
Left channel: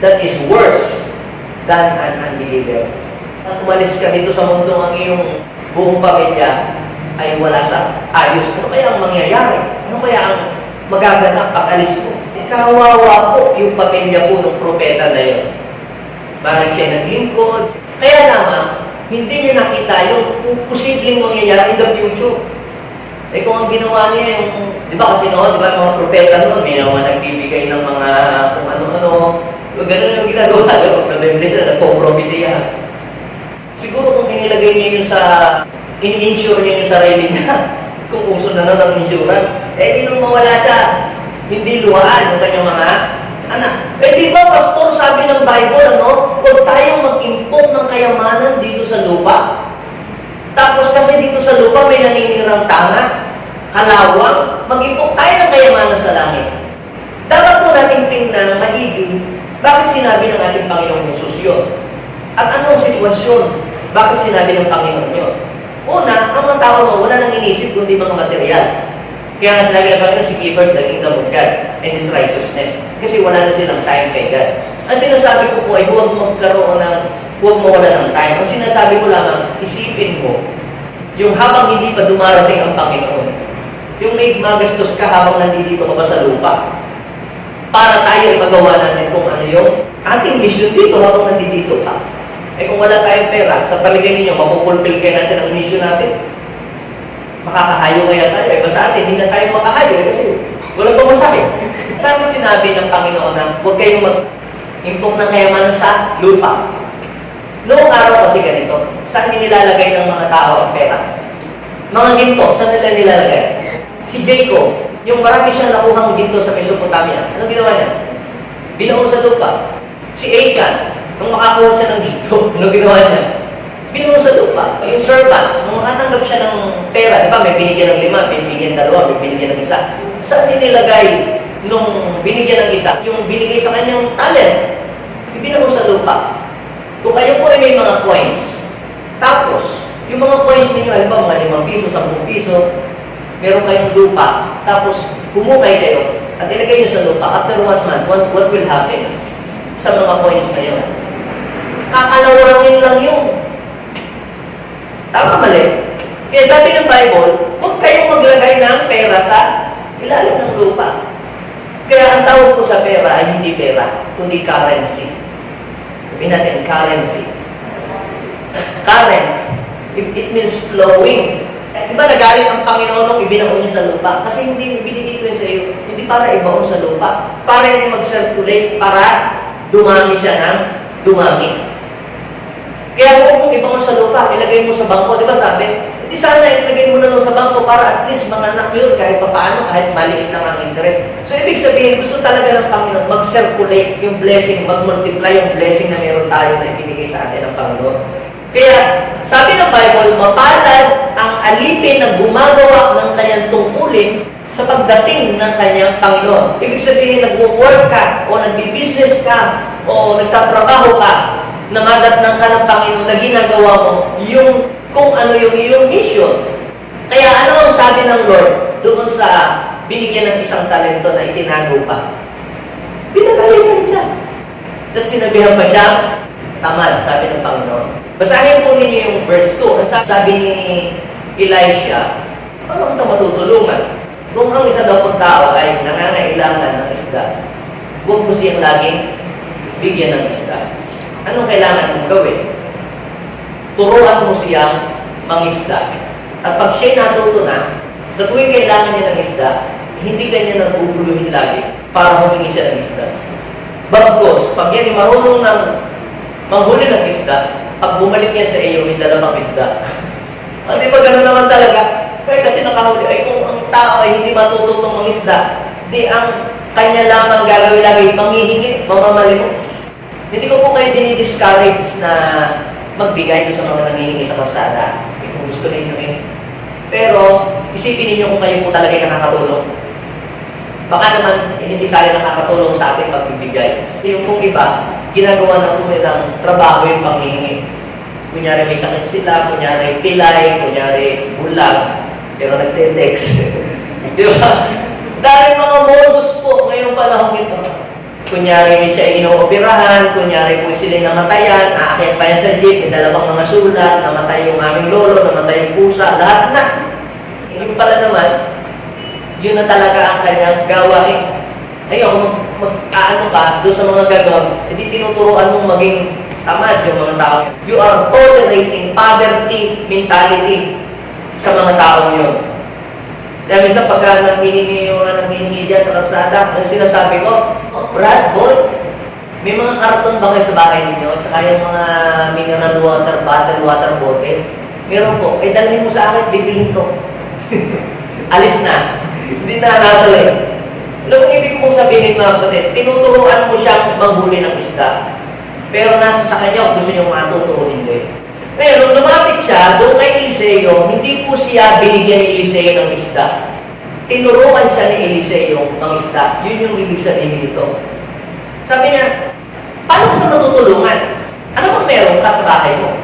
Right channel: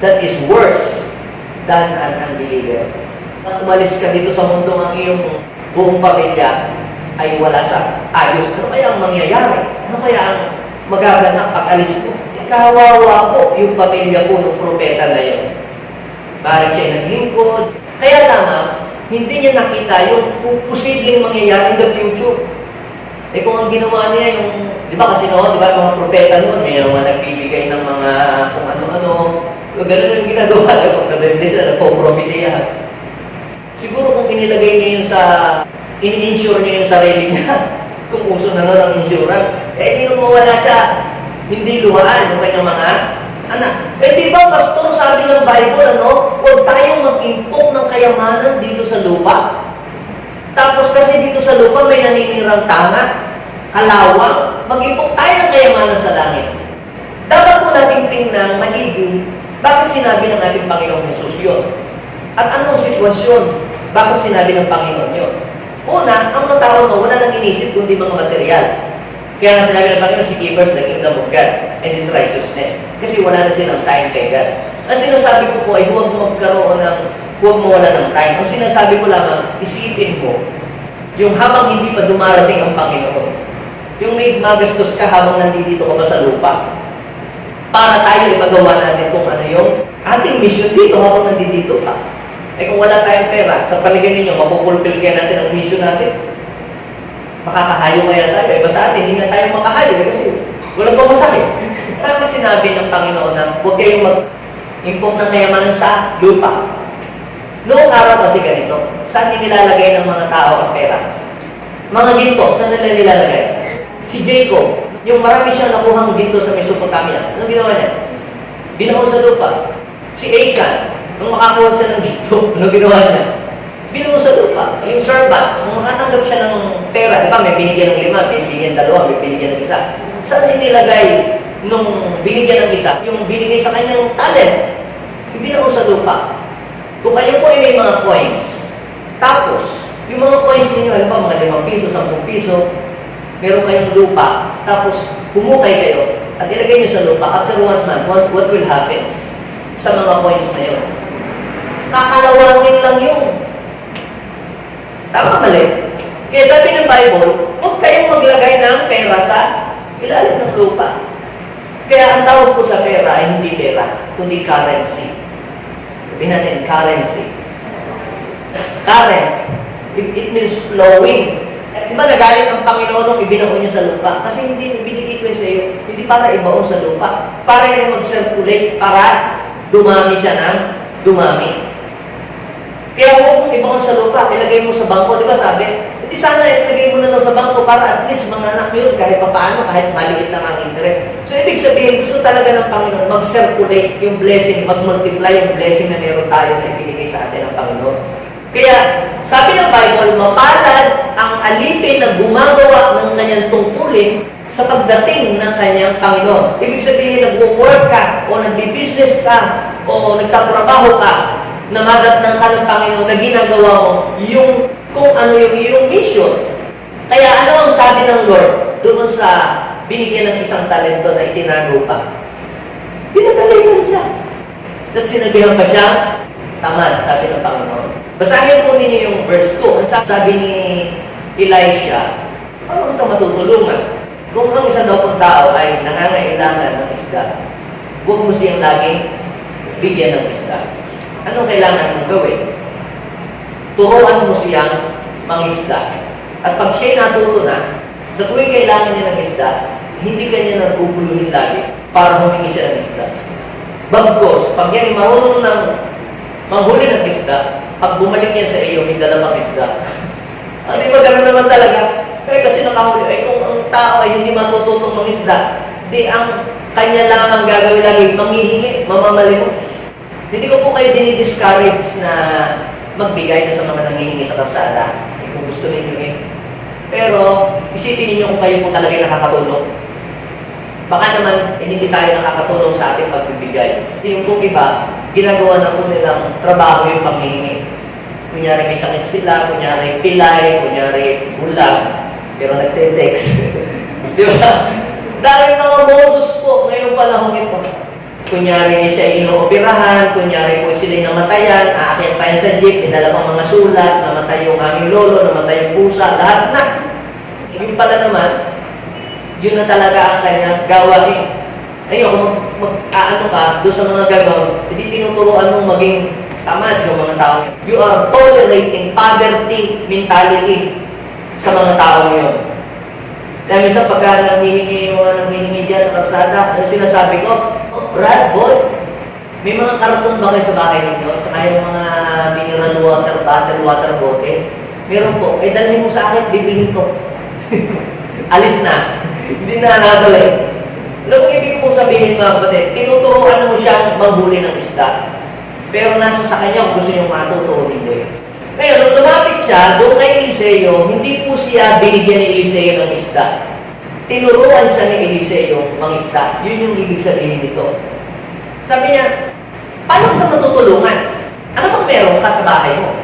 that is worse than an unbeliever. At umalis ka dito sa mundo, ang iyong buong pamilya ay wala sa ayos. Ano kaya ang mangyayari? Ano kaya ang magaganap pag alis mo? Kawawa po yung pamilya po ng propeta na yun. Parang siya naglingkod. Kaya naman, hindi niya nakita yung posibleng mangyayari in the future. Eh kung ang ginawa niya yung, di ba kasi noon, di ba mga propeta noon, may mga nagbibigay ng mga kung ano-ano, ganun yung ginagawa niya, pag nabibili sila, nagpo-propesya. Siguro kung inilagay niya yun sa, in-insure niya yung sarili niya, kung uso na ng insurance, eh di nung mawala siya, hindi luhaan yung kanyang mga anak. Eh di ba, pastor, sabi ng Bible, ano, huwag tayong mag-impok ng kayamanan dito sa lupa. Tapos kasi dito sa lupa may naninirang tanga, kalawang, mag-impok tayo ng kayamanan sa langit. Dapat po nating tingnan maigi, bakit sinabi ng ating Panginoong Jesus yun? At anong sitwasyon? Bakit sinabi ng Panginoon yun? Una, ang mga tao mo, wala nang inisip kundi mga material. Kaya nga sinabi ng Panginoon, seek ye first the kingdom of God and His righteousness. Kasi wala na silang time kay God. Ang sinasabi ko po ay huwag mawala ng time. Ang sinasabi ko lamang, isipin mo, yung habang hindi pa dumarating ang Panginoon, yung may magastos ka habang nandito ka pa sa lupa, para tayo ay magawa natin kung ano yung ating mission dito habang nandito ka. Eh kung wala tayong pera, sa paligay ninyo, mapupulpil kaya natin ang mission natin. Makakahayo kaya tayo. Iba sa atin, hindi nga tayo makahayo kasi walang pamasahe. Tapos sinabi ng Panginoon na huwag kayong mag-impok ng kayamanan sa lupa. Noong araw kasi ganito, saan nilalagay ng mga tao ang pera? Mga ginto, saan nila nilalagay? Si Jacob, yung marami siyang nakuhang ginto sa Mesopotamia, ano ginawa niya? Binaon sa lupa. Si Achan, nung makakuha siya ng ginto, ano ginawa niya? Binaon sa lupa. Yung servant, nung makatanggap siya ng pera, di ba, may binigyan ng 5, may binigyan 2, may binigyan ng 1. Saan nilagay nung binigyan ng 1? Yung binigay sa kanyang talent, binaon sa lupa. Kung kayo po ay may mga coins, tapos, yung mga coins ninyo, alam ba, mga 5 piso, 10 piso, meron kayong lupa, tapos humukay kayo, at ilagay nyo sa lupa, after 1 month, what will happen sa mga coins na yun? Kakalawangin lang yun. Tama, mali. Kaya sabi ng Bible, huwag kayong maglagay ng pera sa ilalim ng lupa. Kaya ang tawag ko sa pera ay hindi pera, kundi currency. Sabihin natin, currency. Current, it means flowing. Diba nagalit ang Panginoon nung ibinaon niya sa lupa? Kasi hindi binigay ko yun sa iyo, hindi para ibaon sa lupa. Para hindi mag-circulate, para dumami siya ng dumami. Kaya huwag mong ibaon sa lupa, ilagay mo sa bangko. Di ba sabi, hindi sana ilagay mo na lang sa bangko para at least mga anak yun, kahit paano, kahit maliit lang ang interest. So, ibig sabihin, gusto talaga ng Panginoon mag-circulate yung blessing, mag-multiply yung blessing na meron tayo na ibinigay sa atin ng Panginoon. Kaya, sabi ng Bible, mapalad ang alipin na gumagawa ng kanyang tungkulin sa pagdating ng kanyang Panginoon. Ibig sabihin, nag-work ka, o nagbi-business ka, o nagtatrabaho ka, na madatnang ka ng Panginoon na ginagawa mo yung kung ano yung iyong mission. Kaya ano ang sabi ng Lord doon sa binigyan ng isang talento na itinago pa? Pinagalitan siya. At sinabihan pa siya, tamad, sabi ng Panginoon. Basahin po ninyo yung verse 2. Ang sabi ni Elisha, paano kita matutulungan? Kung ang isa daw pong tao ay nangangailangan ng isda, huwag mo siyang laging bigyan ng isda. Anong kailangan mong gawin? Turuan mo siyang mangisda. At pag siya'y natuto na, sa tuwing kailangan niya ng isda, hindi kanya naguguluhin lagi para humingi siya ng isda. Bagkos, pag yan ay marunong ng manghuli ng isda, pag bumalik yan sa iyo, may dalawang isda. Di ba ganun naman talaga? Kaya kasi nakahuli, ay kung ang tao ay hindi matututong mangisda, di ang kanya lamang gagawin lagi, manghihingi, mamamalimos. Hindi ko po kayo dinidiscourage na magbigay doon sa mga nangihingi sa kalsada. Kung gusto ninyo Pero, isipin ninyo kung kayo po talaga nakakatulong. Baka naman, hindi tayo nakakatulong sa ating pagbibigay. Yung kung iba, ginagawa na po nilang trabaho yung panghihingi. Kunyari may sakit sila, kunyari pilay, kunyari bulag, pero nagte-text. Di ba? Dahil mga modus po ngayong panahon ito. Kunyari siya inooperahan, kunyari po sila namatayan, aakyat pa yan sa jeep, may dalawang mga sulat, namatay yung aming lolo, namatay yung pusa, lahat na. Yung pala naman, yun na talaga ang kanyang gawain. Ayun, kung mag-aano ka doon sa mga ganon, hindi tinuturuan mong maging tamad yung mga tao yun. You are tolerating poverty mentality sa mga tao yun. Kaya minsan pagka nanghihingi yung mga nanghihingi dyan sa kalsada, ano sinasabi ko? Oh, Brad, boy, may mga karaton ba kayo sa bahay ninyo? Tsaka yung mga mineral water, bottled water bottle? Meron po. Eh, dalhin mo sa akin, bibilhin ko. Alis na. Hindi na nakabalik. Alam mo, ibig kong sabihin mga kapatid, tinuturuan mo siyang manghuli ng isda. Pero nasa sa kanya kung gusto niyong matuto o hindi. Ngayon, nung lumapit siya, doon kay Eliseo, hindi po siya binigyan ni Eliseo ng isda. Tinuruan siya ni Eliseo ng isda. Yun yung ibig sabihin nito. Sabi niya, paano ka matutulungan? Ano bang meron ka sa bahay mo?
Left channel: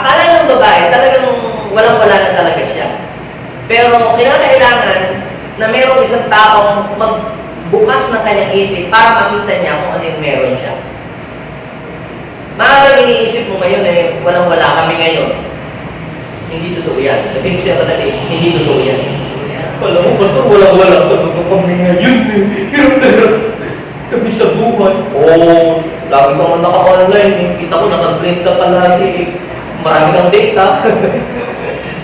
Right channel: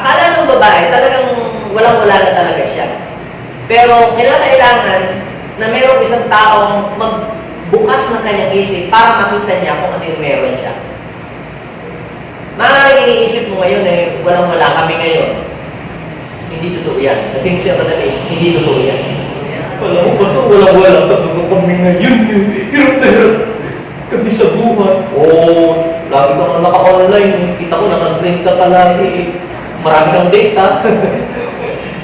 Akala ng babae, talagang walang-wala na talaga siya. Pero kinakailangan na mayroong isang taong magbukas ng kanyang isip para makita niya kung ano yung meron siya. Maaaring iniisip mo ngayon na walang-wala kami ngayon. Hindi totoo yan. Sabihin ko siya kadali, hindi totoo yan. Alam mo, basta walang-wala kami ngayon. Hirap na hirap kami sa buhay. Oo, lagi ka nga naka-online. Kita ko, naka-grade ka palagi. Marami kang data.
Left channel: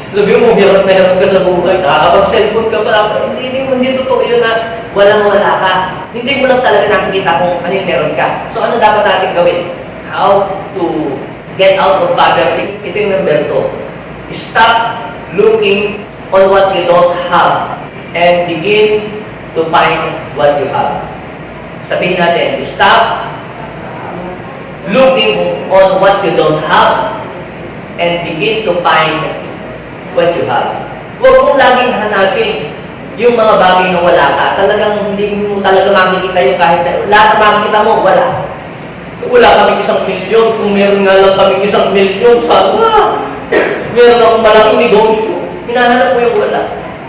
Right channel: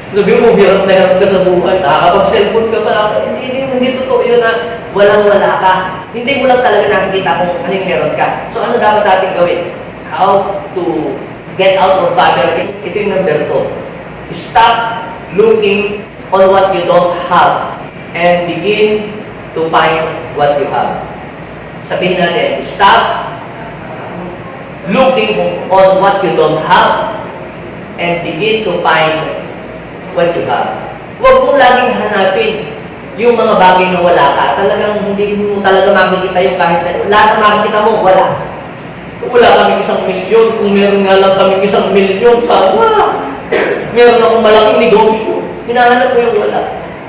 Sabihin mo, hirap na hirap ka sa buhay. Nakakapag-cellphone ka pala. Hindi totoo yun na walang-wala ka. Hindi mo lang talaga nakikita kung ano yung meron ka. So ano dapat natin gawin? How to get out of poverty? Ito yung number 2. Stop looking on what you don't have and begin to find what you have. Sabihin natin, stop looking on what you don't have and begin to find what you have. Huwag mong laging hanapin yung mga bagay na wala ka. Talagang hindi mo talaga makikita yung kahit lahat na makikita mo, wala. Wala kaming 1 milyon. Kung meron nga lang kaming 1 milyon, sana. Meron akong malaking negosyo. Hinahanap ko yung wala.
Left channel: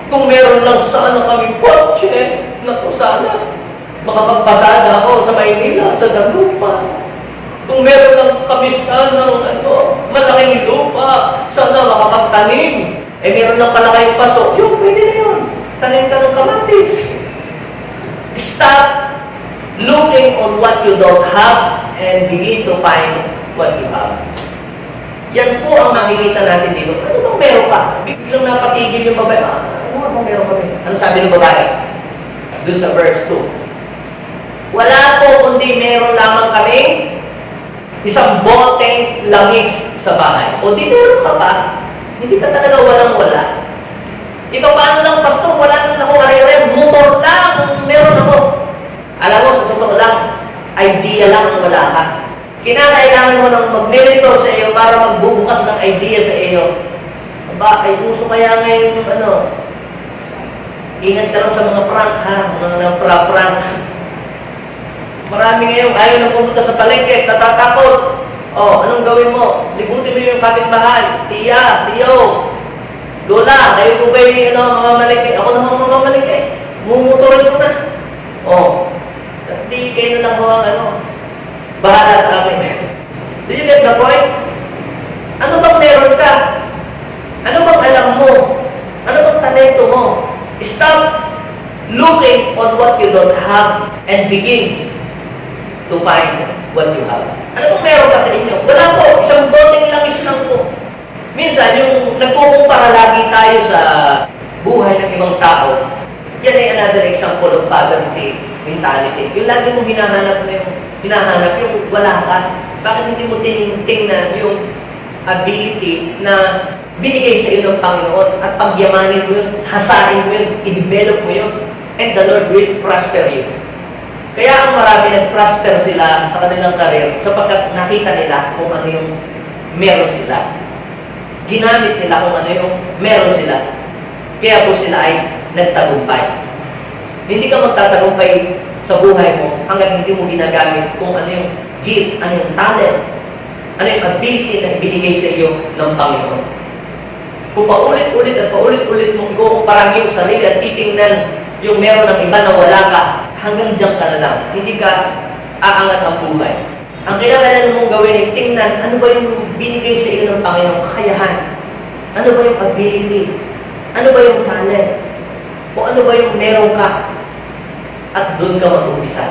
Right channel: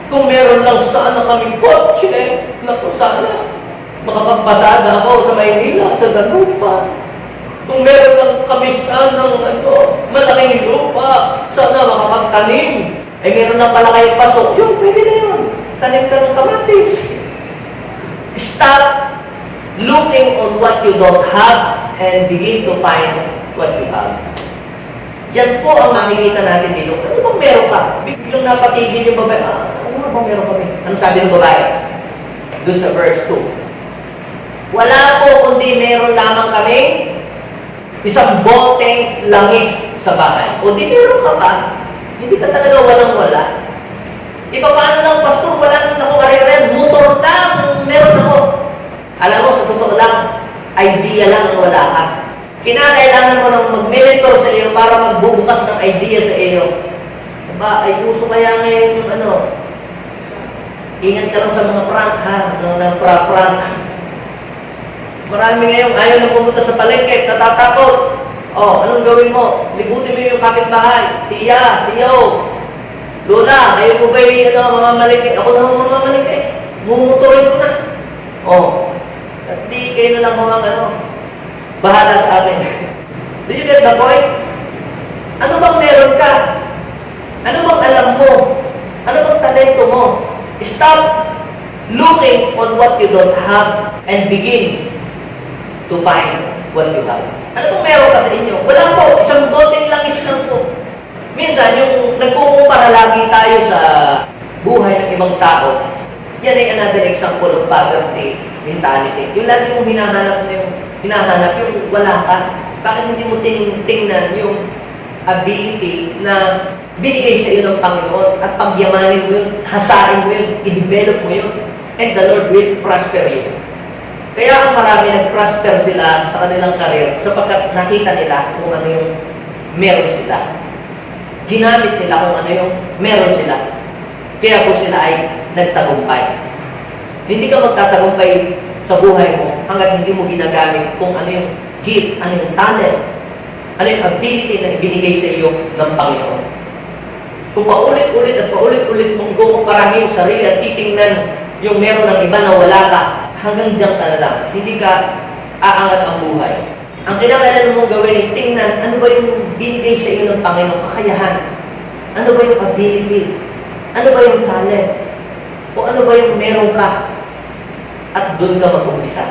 Kung meron lang sana kaming kotse, naku sana. Makapagpasada ako sa Maynila, sa Dagupan. Kung meron lang kamistan ng malaking lupa, sana makapagtanim. Eh meron lang pala kayong paso, yun, pwede na yun. Tanim ka ng kamatis. Start looking on what you don't have and begin to find what you have. Yan po ang makikita natin dito. Ano bang meron ka? Biglang napatigil yung babae. Ano bang meron kami? Ano sabi ng babae? Doon sa verse 2. Wala po kundi meron lamang kami isang boteng langis sa bahay. O di meron ka pa, hindi ka talaga walang-wala. Iba paano lang, pastor, wala nang ako karera, motor lang, meron ako. Alam mo, sa totoo lang, idea lang ang wala ka. Kinakailangan mo nang mag-mentor sa iyo para magbubukas ng idea sa iyo. Ba, ay uso kaya ngayon yung ingat ka lang sa mga prank ha, mga prank. Marami ngayon ayaw na pumunta sa palengke, natatakot. Oh, anong gawin mo? Libutin mo yung kapitbahay. Tiya, tiyo, lola, kayo po ba yung mamamalengke? Ako na mamamalengke. Mumuturin ko na. Oh, at di kayo na lang mga bahala sa akin. Do you get the point? Ano bang meron ka? Ano bang alam mo? Ano bang talento mo? Stop looking on what you don't have and begin to find what you have. Ano bang meron ka sa inyo? Wala po. Isang boteng langis lang po. Minsan, yung nagkukumpara lagi tayo sa buhay ng ibang tao, yan ay another example of poverty mentality. Yung lagi mong hinahanap yung wala ka. Bakit hindi mo tingnan yung ability na binigay sa iyo ng Panginoon at pagyamanin mo yun, hasain mo yun, i-develop mo yun, and the Lord will prosper you. Kaya ang marami nag-prosper sila sa kanilang karir sapagkat nakita nila kung ano yung meron sila. Ginamit nila kung ano yung meron sila. Kaya po sila ay nagtagumpay. Hindi ka magtatagumpay sa buhay mo hanggat hindi mo ginagamit kung ano yung gift, ano yung talent, ano yung ability na ibinigay sa iyo ng Panginoon. Kung paulit-ulit at paulit-ulit mong ikukumparahin yung sarili at titingnan yung meron ng iba na wala ka, hanggang diyan ka na lang. Hindi ka aangat ang buhay. Ang kailangan mong gawin ay tingnan ano ba yung binigay sa iyo ng Panginoon, kakayahan. Ano ba yung ability? Ano ba yung talent? O ano ba yung meron ka? At doon ka mag-umpisa.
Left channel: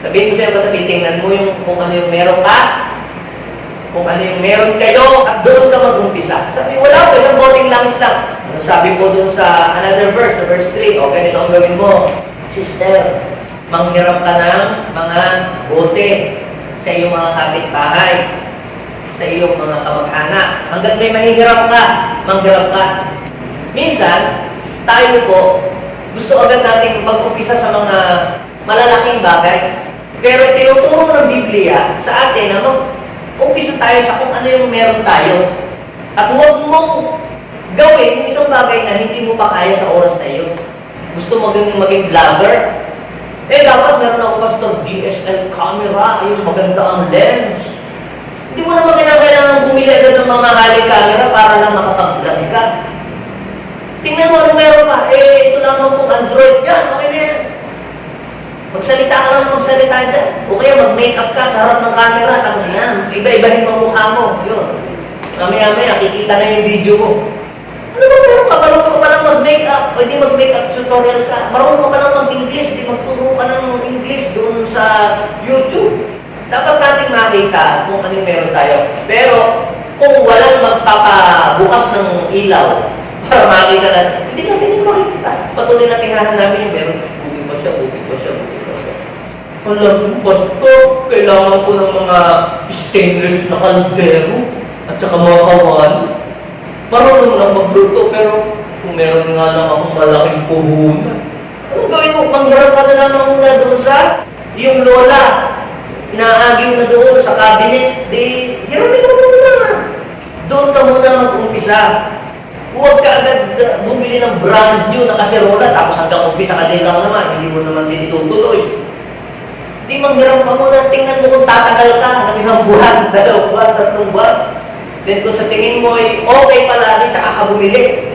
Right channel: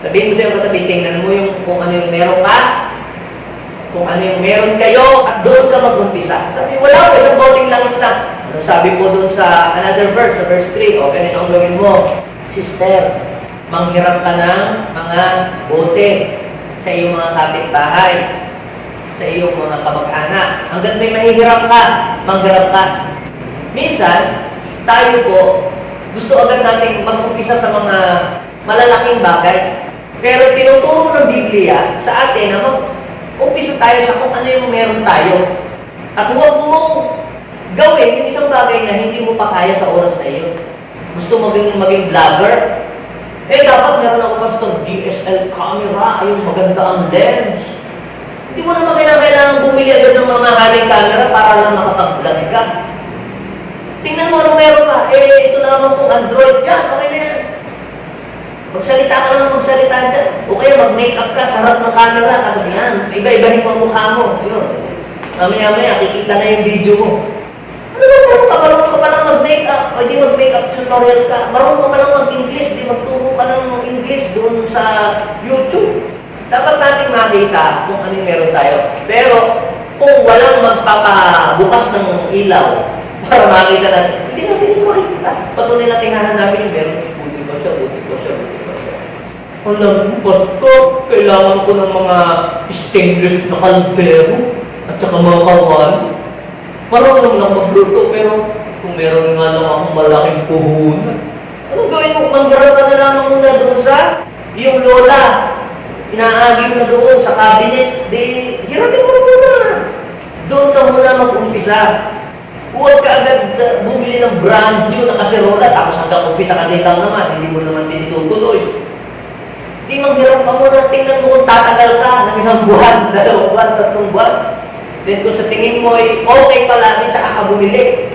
Sabihin mo sa iyo katabi, tingnan mo yung kung ano yung meron ka, kung ano yung meron kayo, at doon ka mag-umpisa. Sabi, wala ko, isang boteng langis lang. Ano sabi po doon sa another verse, sa verse 3, o ganito ang gawin mo. Sister, manghiram ka ng mga bote sa iyong mga kapitbahay, sa iyong mga kamag-anak. Hanggang may mahihiram ka, manghiram ka. Minsan, tayo po, gusto agad natin mag-umpisa sa mga malalaking bagay. Pero tinuturo ng Biblia sa atin na mag-umpisa tayo sa kung ano yung meron tayo. At huwag mong gawin yung isang bagay na hindi mo pa kaya sa oras na iyo. Gusto mo maging vlogger? Eh, dapat meron ako pastor DSL camera, yung maganda ang lens. Hindi mo naman kailangan bumili agad ng mga haling camera para lang makapag-vlog ka. Tingnan mo ano meron ka. Eh, ito lamang pong Android. Yan, okay na yan. Magsalita ka lang magsalita dyan. O kaya mag-makeup ka sa harap ng camera. Tapos yan, iba-ibahin mo ang mukha mo. Yun. Mamaya-maya, kikita na yung video mo. Ano ba meron ka? Marunong ka palang mag-makeup. O di mag-makeup tutorial ka. Marunong ka palang mag-English. Di magturo ka ng English doon sa YouTube. Dapat natin makita kung ano yung meron tayo. Pero, kung walang magpapabukas ng ilaw para makita natin, hindi natin yung makikita. Patuloy natin hahanapin yung meron. Buti ba siya, buti ba siya, buti ba siya. Alam mo, Pastor, kailangan ko ng mga stainless na kaldero at saka mga kawan. Marunong lang magluto, pero kung meron nga lang akong malaking puhunan. Anong gawin mo? Mangharap ka na lang muna doon sa yung lola. Inaaging na doon sa cabinet. Di, hiramin mo muna. Doon ka muna mag-umpisa. Huwag ka agad bumili ng brand new na kaserola tapos hanggang umpisa ka din lang naman. Hindi mo naman din itutuloy. Di manghiram ka muna. Tingnan mo kung tatagal ka ng isang buwan, 2 buwan, 3 buwan. Then kung sa tingin mo ay okay pala, di tsaka ka bumili.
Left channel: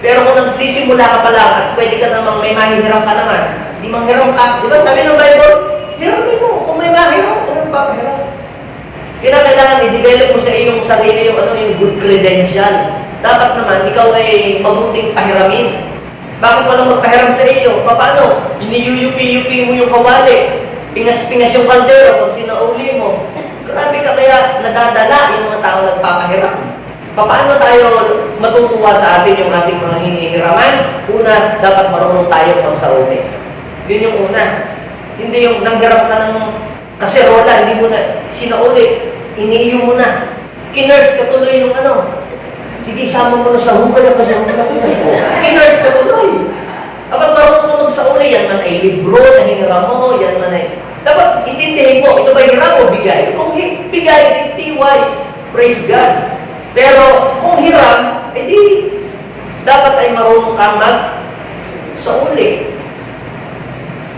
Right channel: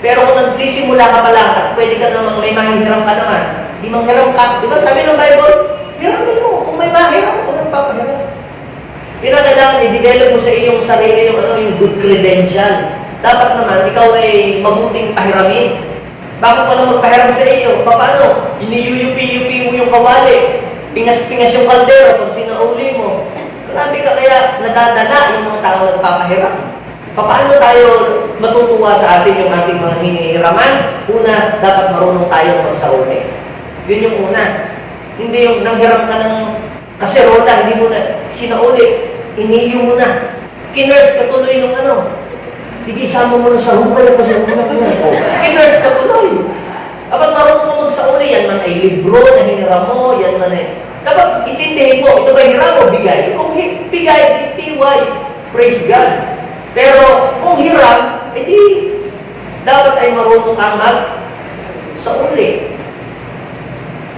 Pero kung nagsisimula ka pala at pwede ka namang may mahihiram ka naman, di manghiram ka. Di ba sabi ng Bible, hiramin mo. Kung may mahiram, kung may papahiram. Kailangan i-develop mo sa iyong sarili yung good credential. Dapat naman, ikaw ay mabuting pahiramin. Bakit ka lang magpahiram sa iyo? Paano? Iniyuyupi-yupi mo yung kawali. Pingas-pingas yung kaldero pag sinauli mo. Grabe ka kaya nadadala yung mga tao nagpapahiram. Paano tayo matutuwa sa atin yung ating mga hinihiraman? Una, dapat marunong tayong magsauli. Yun yung una. Hindi yung nanghiram ka ng kaserola, hindi mo na sinauli, iniiyo mo na. Kinurse ka tuloy nung sige, isama mo na sa hukay kasi ang mga ko. Kinurse ka tuloy. Dapat marunong mo magsauli, yan man ay libro na hiniram mo, yan man ay... Dapat intindihin mo, ito ba hiram o bigay? Kung bigay, TY, praise God. Pero kung hiram, edi dapat ay marunong kang magsauli.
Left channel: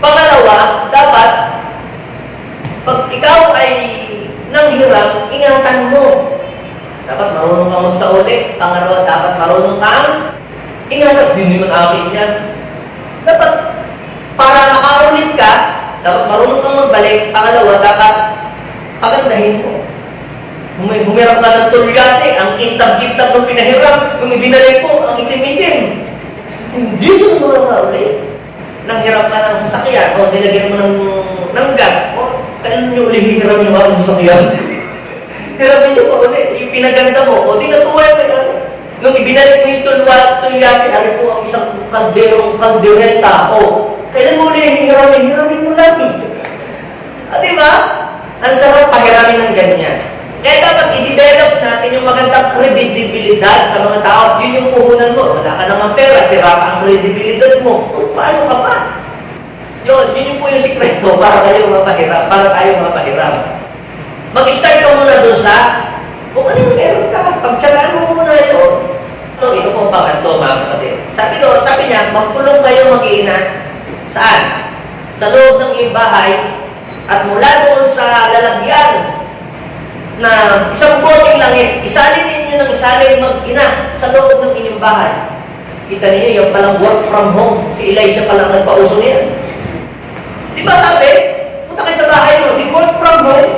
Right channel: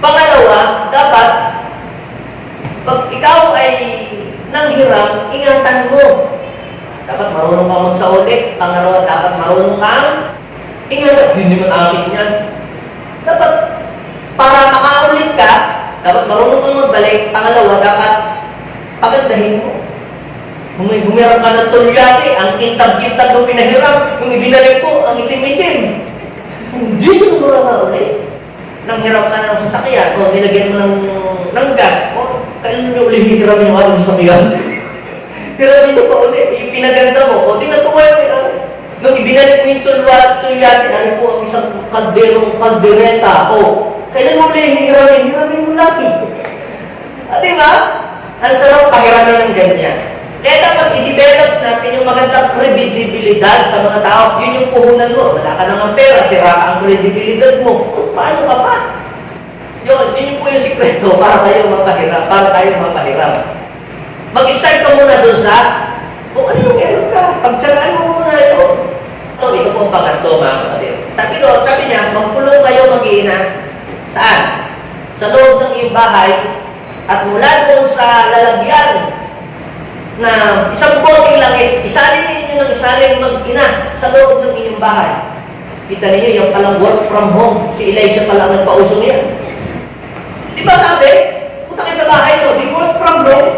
Pangalawa, dapat pag ikaw ay nanghiram, ingatan mo. Dapat marunong kang magsauli. Pangalawa, dapat marunong kang ingatan. Hindi naman akin yan. Dapat, para makaulit ka, dapat marunong kang magbalik. Pangalawa, dapat pagandahin mo. Bumiram ka ng tulyasi, ang kintab-kintab ng pinahiram, kung ibinalik po, ang itim-itim. Hindi mo makaulit. Nanghiram ka ng sasakyan, o nilagyan mo ng gas, o kailan nyo ulit hihiram yung mga sasakyan? Hiramin nyo pa ulit, ipinaganda mo, o tinatuwa mo yan. Nung ibinalik mo yung tulyasin, ano po ang isang kaldereta, o kailan mo ulit hiramin mo lang. Diba? Ang sarap pahiramin ng ganyan. Kaya dapat i-develop natin yung magandang kredibilidad sa mga tao. Yun yung puhunan mo. Wala ka nang pera, sira ka ang kredibilidad mo. Paano ka pa? Yun po yung sikreto para tayo mapahiram. Mag-start ka muna doon sa kung ano yung meron ka. Pagtsagaan mo muna yun. Ito pong pangatlo, mga kapatid. Sabi niya, magpulong kayo mag-iina. Saan? Sa loob ng iyong bahay at mula doon sa lalagyan na isang boteng langis, isalin ninyo ng isalin mag-ina sa loob ng inyong bahay. Kita niyo yung palang work from home. Si Elisha palang nagpauso niya. Di ba sabi, punta kayo sa bahay mo, di work from home.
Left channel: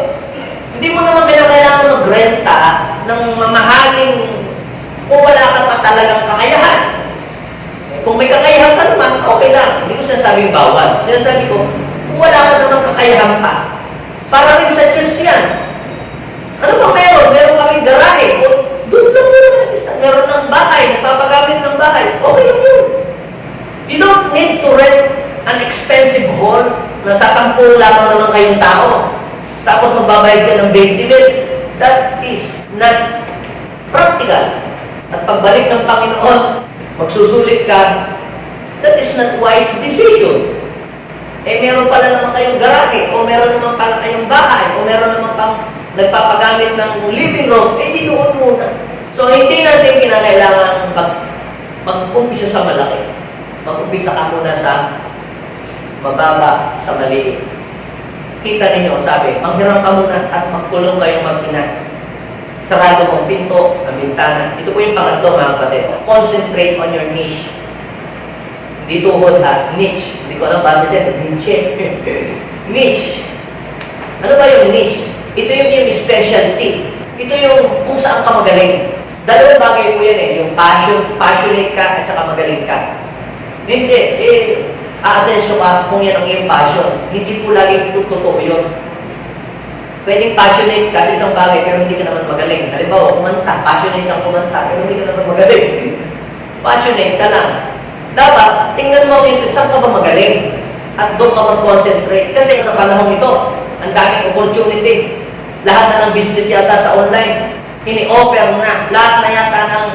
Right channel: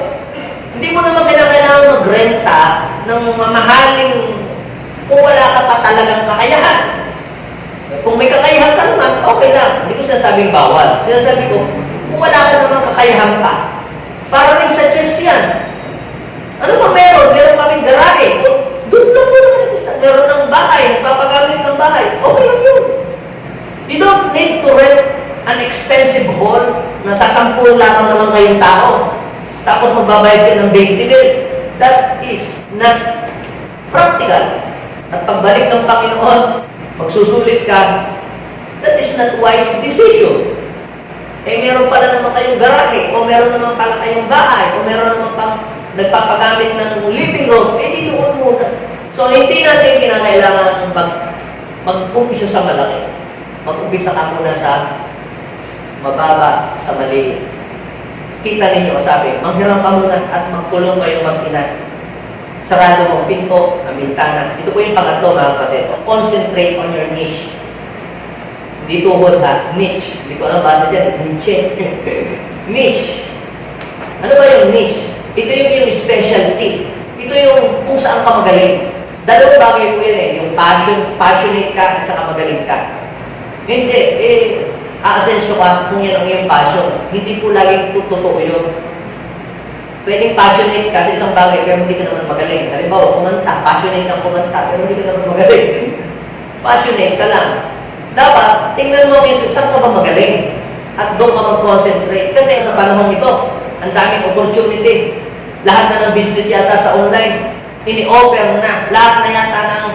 Hindi mo naman kailangan magrenta ng mamahaling kung wala ka pa talagang kakayahan. Kung may kakayahan ka naman, okay lang. Hindi ko sinasabing bawal. Sinasabi ko, kung wala ka naman kakayahan pa, para rin sa church yan. Ano bang meron? Meron kaming garahe. O, doon lang mo naman nag-start. Meron ng bahay, nagpapagamit ng bahay. Okay lang yun. You don't need to rent an expensive hall na sasampul lamang naman kayong tao. Tapos magbabayad ka ng 20 mil. That is not practical. At pagbalik ng Panginoon, magsusulit ka, that is not wise decision. Meron pala naman kayong garahe, o meron naman pala kayong bahay, o meron naman pang nagpapagamit ng living room, di doon muna. So, hindi natin kinakailangan mag-umpisa sa malaki. Mag-umpisa ka muna sa mababa, sa maliit. Kita ninyo, sabi, manghiram ka muna at magkulong kayong mag-ina. sarado mong pinto, ang bintana. Ito po yung pangatlo, mga kapatid. Concentrate on your niche. Hindi tuhod ha, niche. Hindi ko alam basa dyan, niche. Niche. Ano ba yung niche? Ito yung specialty. Ito yung kung saan ka magaling. Dalawang bagay po yan eh, yung passionate ka at saka magaling ka. Hindi, aasenso ka kung yan ang iyong passion. Hindi po lagi totoo yun. Pwedeng passionate ka sa isang bagay pero hindi ka naman magaling. Halimbawa, kumanta, passionate kang kumanta pero hindi ka naman magaling. Passionate ka lang. Dapat, tingnan mo kayo saan ka ba magaling at doon ka mag-concentrate. Kasi sa panahon ito, ang daming opportunity. Lahat na ng business yata sa online, ini-offer na. Lahat na yata ng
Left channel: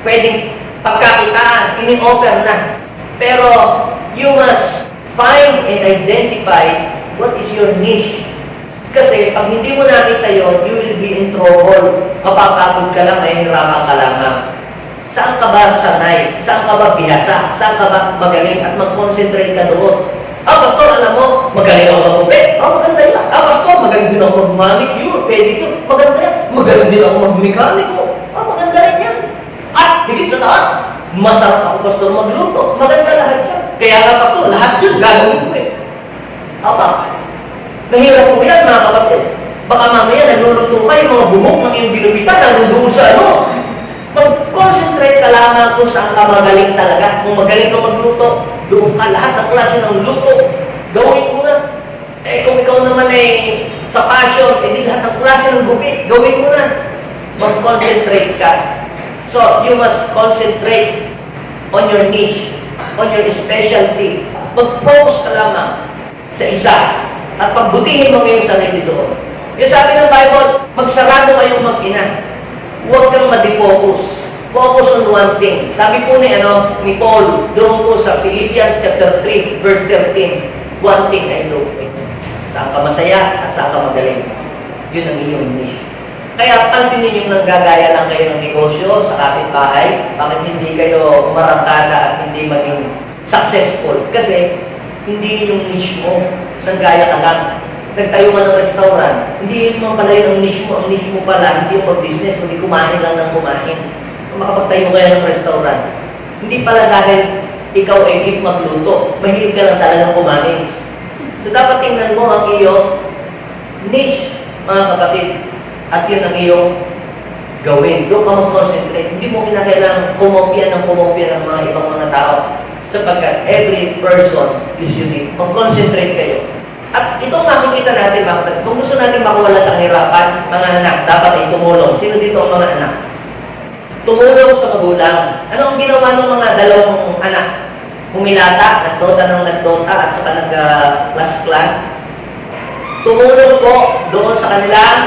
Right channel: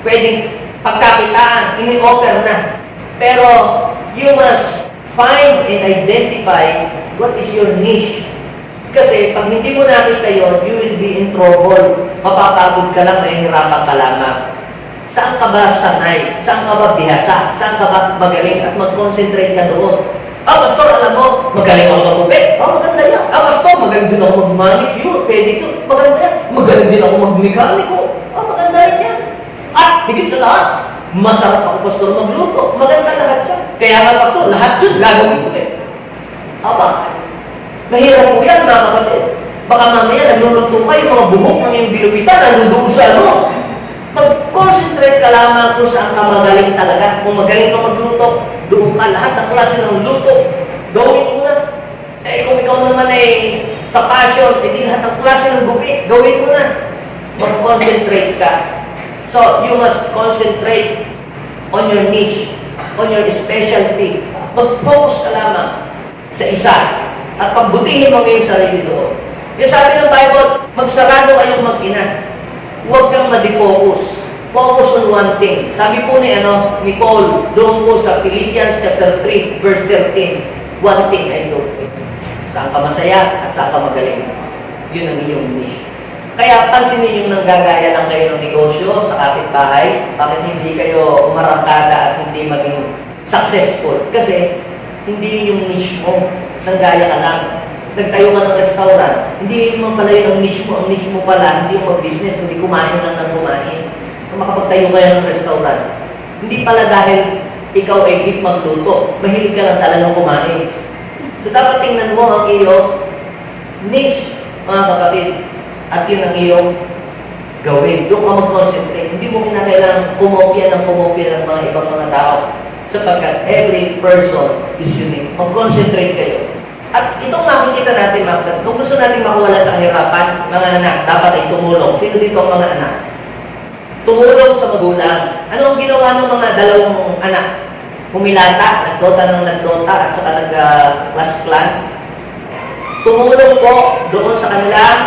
pwedeng pagkakitaan, ini-offer na. Pero, you must find and identify what is your niche. Kasi pag hindi mo nakita yon, you will be in trouble. Mapapagod ka lang, mahihirapan ka lamang. Saan ka ba sanay? Saan ka ba bihasa? Saan ka ba magaling? At mag-concentrate ka doon. Pastor, alam mo, magaling ako mag-upit. Maganda yan. Pastor, magaling din ako mag-manicure, pedicure. Maganda yan. Magaling din ako mag-mekaniko. Maganda rin yan. At higit sa lahat, masarap ako, Pastor, magluto. Maganda lahat yan. Kaya nga, Pastor, lahat yun gagawin ko eh. Mahirap po yan, mga kapatid. Baka mamaya nagluluto ka, yung mga bumok ng iyong ginupitan, nandoon sa ano. Mag-concentrate ka lamang kung saan ka magaling talaga. Kung magaling ka magluto, doon ka lahat ng klase ng luto. Gawin mo na. Kung ikaw naman sa passion, di lahat ng klase ng gupit, gawin mo na. Mag-concentrate ka. So, you must concentrate on your niche, on your specialty. Mag-focus ka lamang sa isa. At pagbutihin mo ngayong sarili doon. Yung sabi ng Bible, magsarado kayong mag-ina. Huwag kang ma-defocus. Focus on one thing. Sabi po ni Paul, doon po sa Philippians chapter 3, verse 13, one thing I know. Saan ka masaya at saan ka magaling. Yun ang iyong niche. Kaya pansinin yung nanggagaya lang kayo ng negosyo sa kapitbahay, bakit hindi kayo umarangkada at hindi maging successful? Kasi hindi yung niche mo. Nanggaya ka lang. Nagtayo ka ng restaurant. Hindi naman pala yun ang niche mo. Ang niche mo pala, hindi yung mag-business, kundi kumain lang ng kumain. Kung makapagtayo kayo ng restaurant, hindi pala dahil ikaw ay hip magluto. Mahilig ka lang talagang kumain. So dapat tingnan mo ang iyong niche, mga kapatid. At yun ang iyong gawin. Doon ka mag-concentrate. Hindi mo kinakailangan kumopya ng mga ibang mga tao. Sapagkat every person is unique. Mag-concentrate kayo. At itong makikita natin, kung gusto natin makawala sa kahirapan, mga anak, dapat ay tumulong. Sino dito ang mga anak? Tumulong sa magulang. Ano ang ginawa ng mga dalawang anak? Humilata, nagdota at saka nag-class plan. Tumulong po doon sa kanilang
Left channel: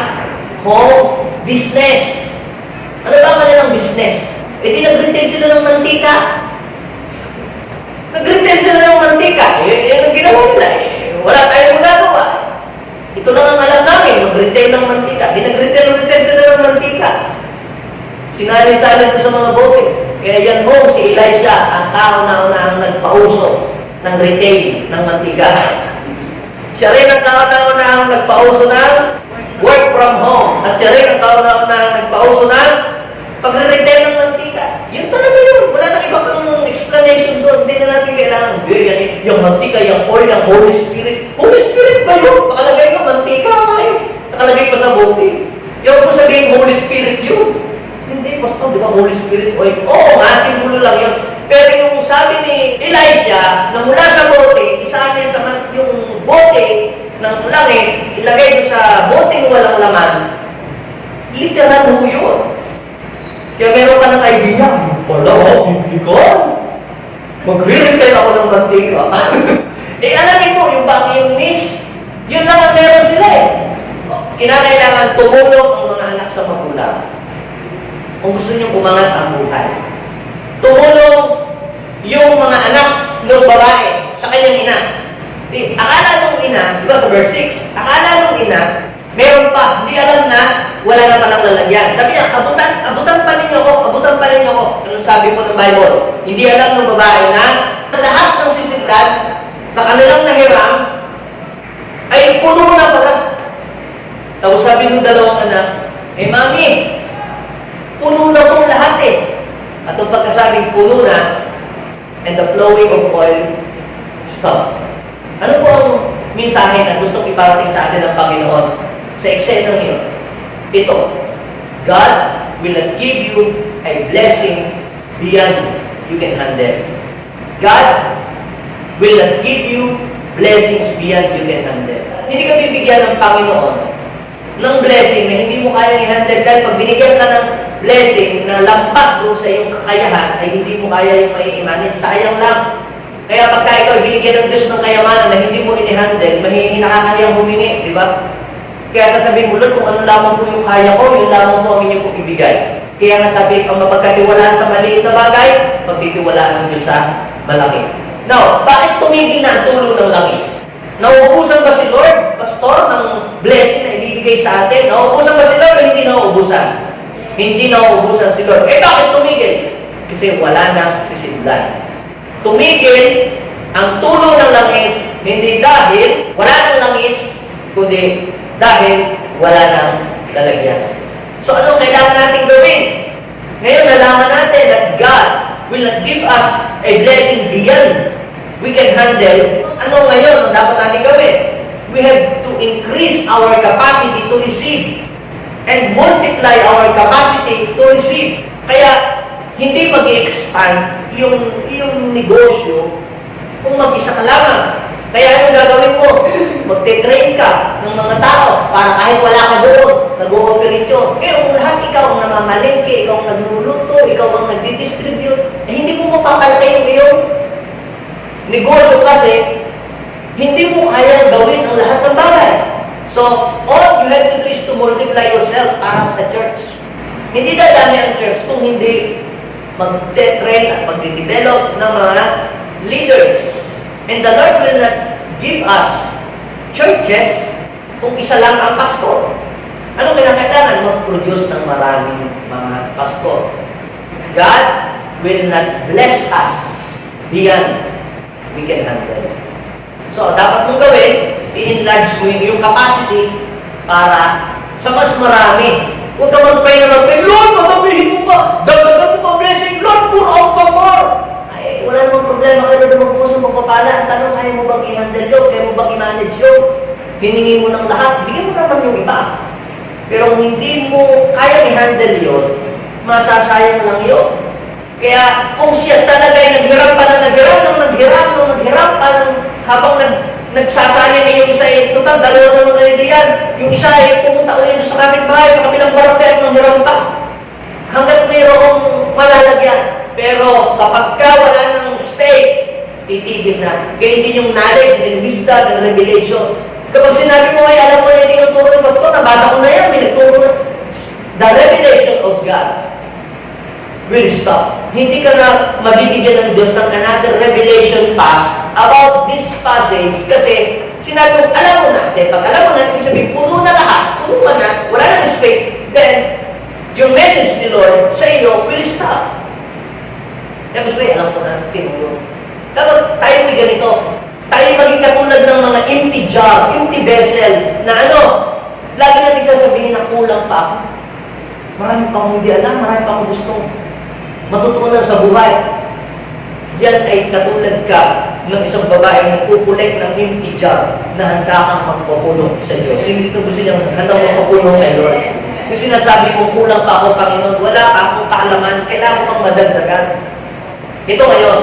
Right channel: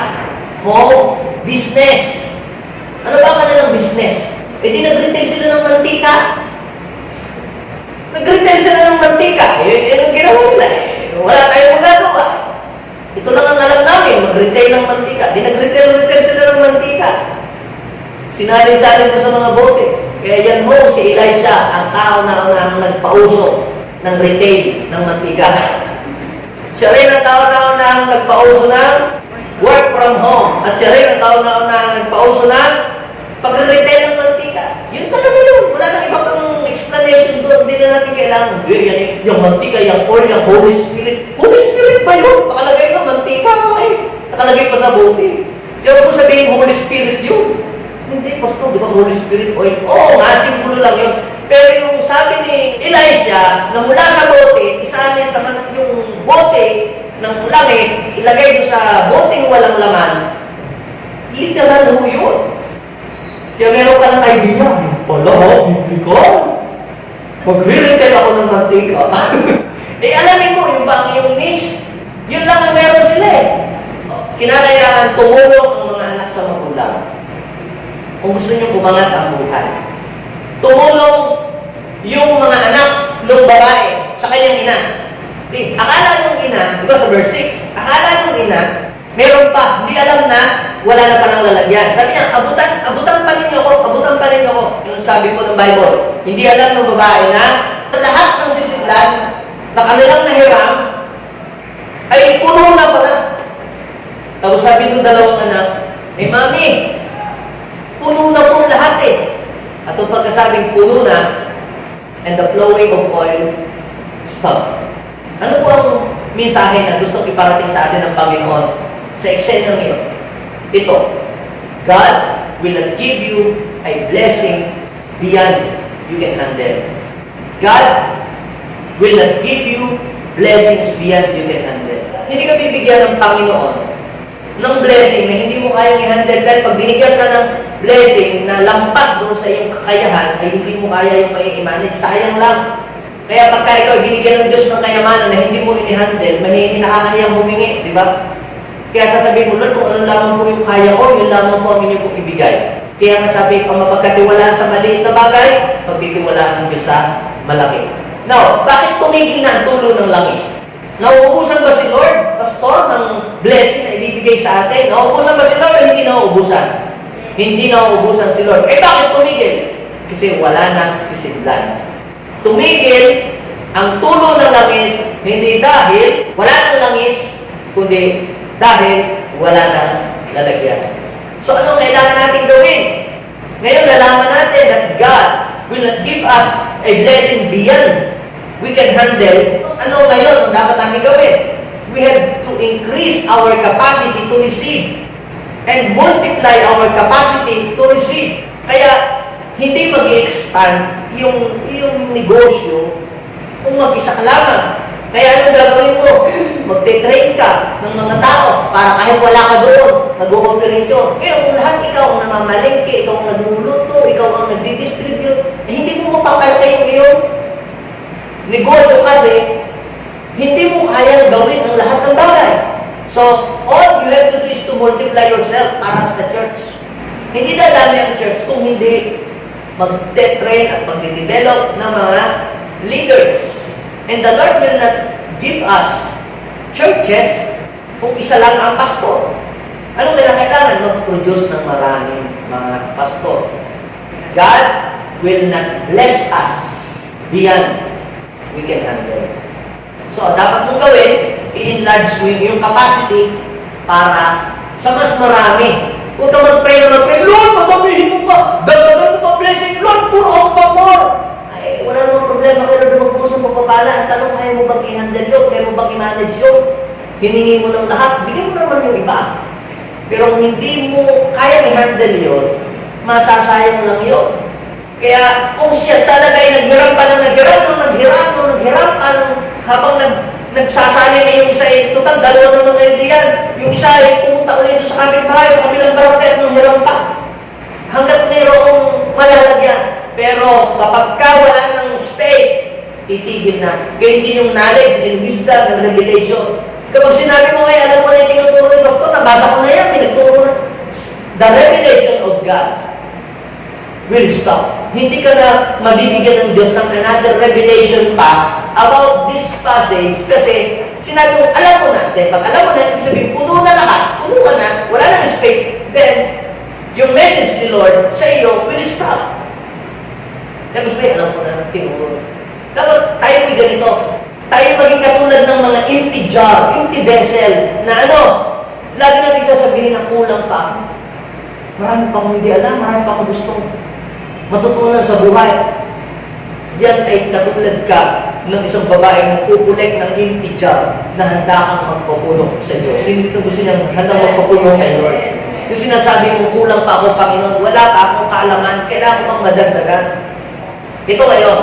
home business. Ano ba ang kanilang business? Di nag-retail sila ng mantika. Nag-retail sila ng mantika. Ang ginawa nila wala tayong magagawa. Ito lang ang alam namin, mag-retail ng mantika. Di nag-retail sila ng mantika. Sinali-sali doon sa mga bote. Kaya yan ho, si Elisha, ang tao na nagpauso ng retail ng mantika. Siya rin ang tao na nagpauso ng work from home. At siya rin ang tao na nagpauso ng pagre-retail ng mantika. Yun talaga yun. Wala nang iba pang explanation doon. Hindi na natin kailangan. Yung mantika, yung oil, yung Holy Spirit. Holy Spirit ba yun? Nakalagay ka, mantika nga eh. Nakalagay pa sa bote. Yung kung sabihin, Holy Spirit yun. Hindi, Pastor, di ba Holy Spirit oil? Oo nga, simbolo lang yun. Pero yung sabi ni Elisha, na mula sa bote, isanin sa yung bote ng langis, ilagay doon sa boteng walang laman, literal ho yun. Kaya meron ka ng idea, bibigan. Magre-retail ako ng mantika. Alamin mo, yung bang yung niche, yun lang ang meron sila eh. Kinakailangan tumulong ang mga anak sa magulang. Kung gusto nyo umangat ang buhay. Tumulong yung mga anak ng babae sa kanyang ina. Akala nung ina, di ba sa verse 6, akala nung ina, meron pa, hindi alam na, wala na palang lalagyan. Sabi niya, abutan pa ninyo ko. Ano sabi po ng Bible? Hindi alam ng babae na lahat ng sisidlan na kanilang nahiram ay puno na pala. Tapos sabi ng dalawang anak, Mami, Puno na pong lahat eh. At ang pagkasabing puno na, and the flowing of oil stop. Ano po ang mensahe na gustong iparating sa atin ng Panginoon sa eksenang iyon? Ito, God will not give you a blessing beyond you can handle. God will not give you blessings beyond you can handle. Hindi ka bibigyan ng Panginoon ng blessing na hindi mo kayang i-handle dahil pag binigyan ka ng blessing na lampas doon sa iyong kakayahan ay hindi mo kaya yung mai-manage. Sayang lang. Kaya pagka ikaw binigyan ng Diyos ng kayamanan na hindi mo i-handle, nakakahiyang humingi, di ba? Kaya sasabihin mo, Lord, kung ano lamang po yung kaya ko, yun lamang po ang inyong pong ibigay. Kaya nga sabi, pag mapagkatiwalaan sa maliit na bagay, pagtitiwalaan ng Diyos sa malaki. Now, bakit tumigil na ang tulo ng langis? Nauubusan ba si Lord, Pastor, ng blessing na ibibigay sa atin? Nauubusan ba si Lord o hindi nauubusan? Hindi nauubusan si Lord. Eh, bakit tumigil? Kasi wala nang sisidlan. Tumigil ang tulo ng langis, hindi dahil wala nang langis, kundi dahil wala nang lalagyan. So, ano kailangan natin gawin? Ngayon, nalaman natin that God will not give us a blessing beyond we can handle. Ano ngayon ang dapat natin gawin? We have to increase our capacity to receive and multiply our capacity to receive. Kaya, hindi mag-i-expand yung negosyo kung mag-isa ka lamang. Kaya anong gagawin mo? Magte-train ka ng mga tao para kahit wala ka doon, nag-ooperate yun. Kaya kung lahat ikaw ang namamalengke, ikaw ang nagluluto, ikaw ang nagdi-distribute, hindi mo mapapalta yung iyong negosyo kasi hindi mo kayang gawin ang lahat ng bagay. So, all you have to do is to multiply yourself para sa church. Hindi dadami ang church kung hindi magte-train at magde-develop ng mga leaders. And the Lord will not give us churches kung isa lang ang pastor. Anong kailangan? Mag-produce ng maraming mga pastor. God will not bless us beyond we can handle. So, dapat mong gawin, i-enlarge mo yung capacity para sa mas marami. Huwag ka mag-pray na mag-pray, Lord, madamihin mo pa! Dagdagan mo pa blessing! Lord, pour out pa more! Ay, wala namang problema kayo na mag-uusap mo pa pala. Ang tanong, kaya mo bang i-handle yun? Kaya mo bang i-manage yun? Hiningi mo ng lahat, bigyan mo naman yung iba. Pero kung hindi mo kaya i-handle yun, masasayang lang yun. Kaya kung siya talaga ay naghirap pa na naghirap pa habang nagsasali na yung isa ay total, dalawa naman kayo diyan. Yung isa ay pumunta ulit sa kapitbahay, sa kabilang barangay at nanghiram pa. Hanggat mayroong malalagyan. Pero kapag ka wala ng space, titigil na. Kaya hindi yung knowledge and wisdom and revelation. Kapag sinabi mo ay alam mo na yung tinuturo ni Pastor, nabasa ko na yan, may nagturo na. The revelation of God will stop. Hindi ka na mabibigyan ng Diyos ng another revelation pa about this passage kasi sinabi mo, alam mo na. Then pag alam mo na, ibig sabihin, puno na lahat, puno ka na, wala na space, then yung message ni Lord sa iyo will stop. Tapos ba, alam ko na, tinuro. Dapat tayo may ganito. Tayo maging katulad ng mga empty jar, empty vessel, na ano, lagi natin sasabihin na kulang pa ako. Marami pa akong hindi alam, marami pa akong gusto matutunan sa buhay. Yan ay katulad ka ng isang babae na nagkukulek ng empty jar na handa kang magpapuno sa Diyos. Hindi ito gusto niyang handang magpapuno kay Lord. Yung sinasabi mo, kulang pa ako, Panginoon, wala pa akong kaalaman, kailangan ko pang madagdagan. Ito ngayon,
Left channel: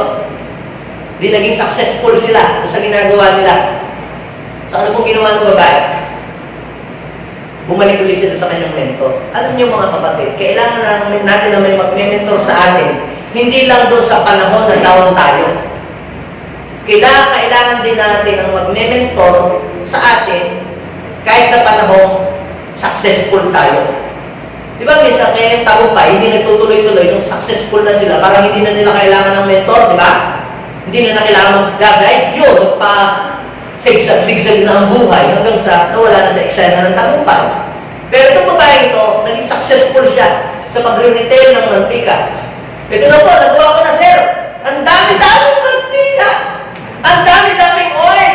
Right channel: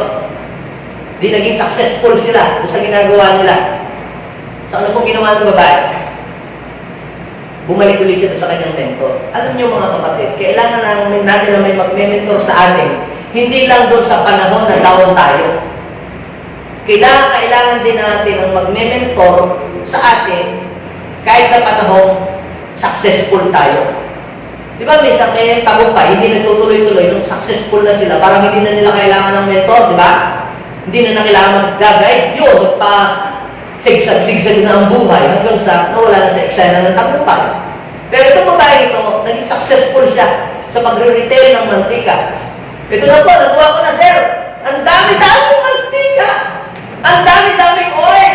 di naging successful sila sa ginagawa nila. So ano pong ginawa ng babae? Bumalik ulit siya sa kanyang mentor. Alam niyo mga kapatid, kailangan natin na may mag-mentor sa atin. Hindi lang doon sa panahon na down tayo. Kailangan din natin ang mag-mentor sa atin kahit sa panahon successful tayo. Di ba, minsan kaya tagumpay, hindi nagtutuloy-tuloy nung successful na sila, parang hindi na nila kailangan ng mentor, di ba? Hindi na kailangan mag-guide. Yun, nagpa-sigsag na ang buhay hanggang sa nawala na sa eksena ng tagumpay. Pero itong babae ito, naging successful siya sa pagre-retail ng mantika. Ito na po, nagawa ko na, sir. Ang dami-daming mantika. Ang dami-daming oil.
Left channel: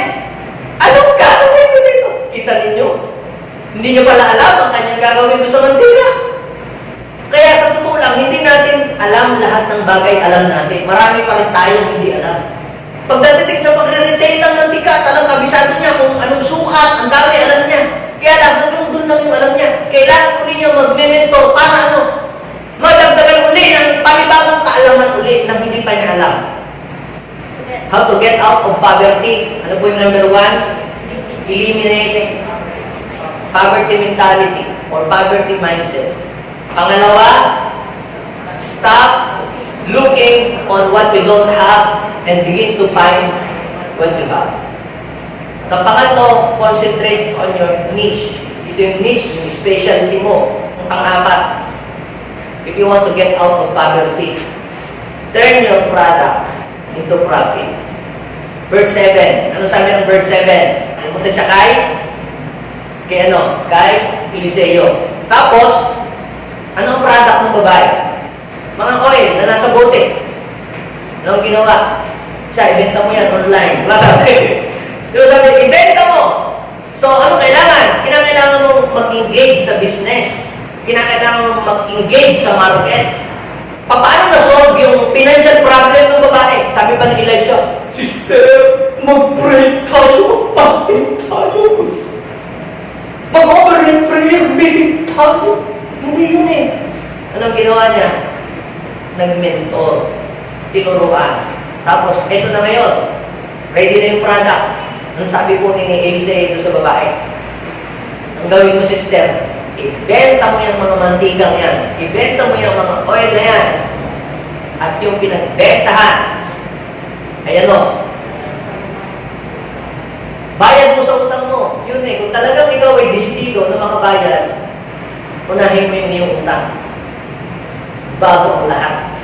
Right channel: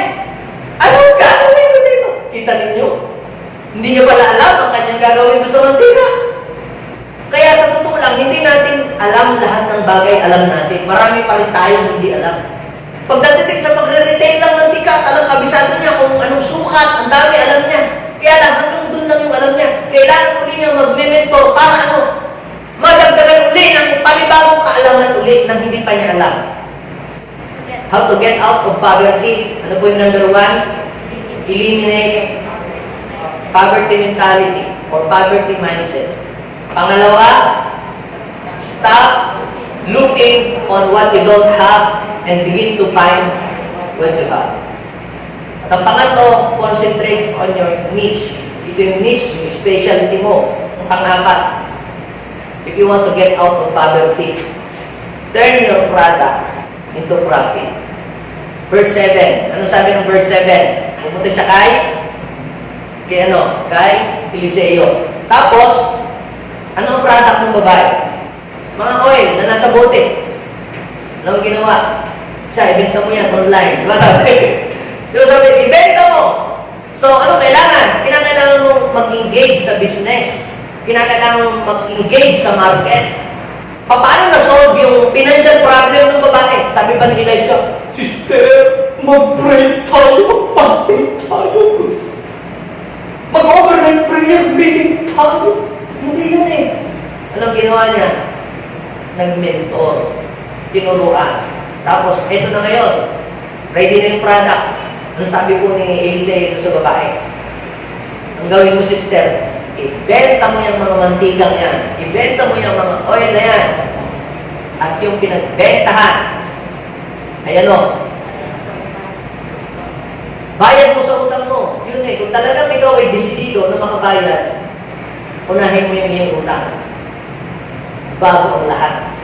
Anong gagawin ko dito? Kita ninyo? Hindi niyo pala alam ang kanyang gagawin doon sa mantika. Kaya sa totoo pag hindi natin alam lahat ng bagay, alam natin. Marami pa rin tayong hindi alam. Pagdating sa pagre-retail ng mantika, talang kabisado niya kung anong sukat, ang dami alam niya. Kaya lang, hanggang doon lang yung alam niya. Kailangan uli niya mag-mentor para madagdagan uli ng panibagong kaalaman uli na hindi pa niya alam. How to get out of poverty. Ano po yung number 1? Eliminate poverty mentality or poverty mindset. Pangalawa, stop looking on what you don't have and begin to find what you have. At ang pangatlo, concentrate on your niche. Ito yung niche, yung specialty mo. Ang pang-apat, if you want to get out of poverty, turn your product into profit. Verse 7. Ano sabi ng verse 7? Pumunta siya kay Eliseo. Tapos, ano ang product ng babae? Mga oil na nasa bote. Ano ang ginawa? Siya, ibenta mo yan online. Wala sabi. Diba sabi, ibenta mo. So, ano kailangan? Kinakailangan mo mag-engage sa business. Kinakailangan mo mag-engage sa market. Paano na-solve yung financial problem ng babae? Sabi ba ni Elisha, Sister, mag-pray tayo, fasting tayo. Mag-overnight prayer meeting tayo. Hindi yun eh. Anong ginawa niya? Nag-mentor. Tinuruan. Tapos, eto na ngayon. Ready na yung product. Ano sabi po ni Eliseo ito sa babae? Ang gawin mo, sister, ibenta mo yung mga mantikang yan. Ibenta mo yung mga oil na yan. At yung pinagbentahan, ayan o, bayad mo sa utang mo. Yun eh, kung talagang ikaw ay desidido na makabayad, unahin mo yung iyong utang. Bago ang lahat.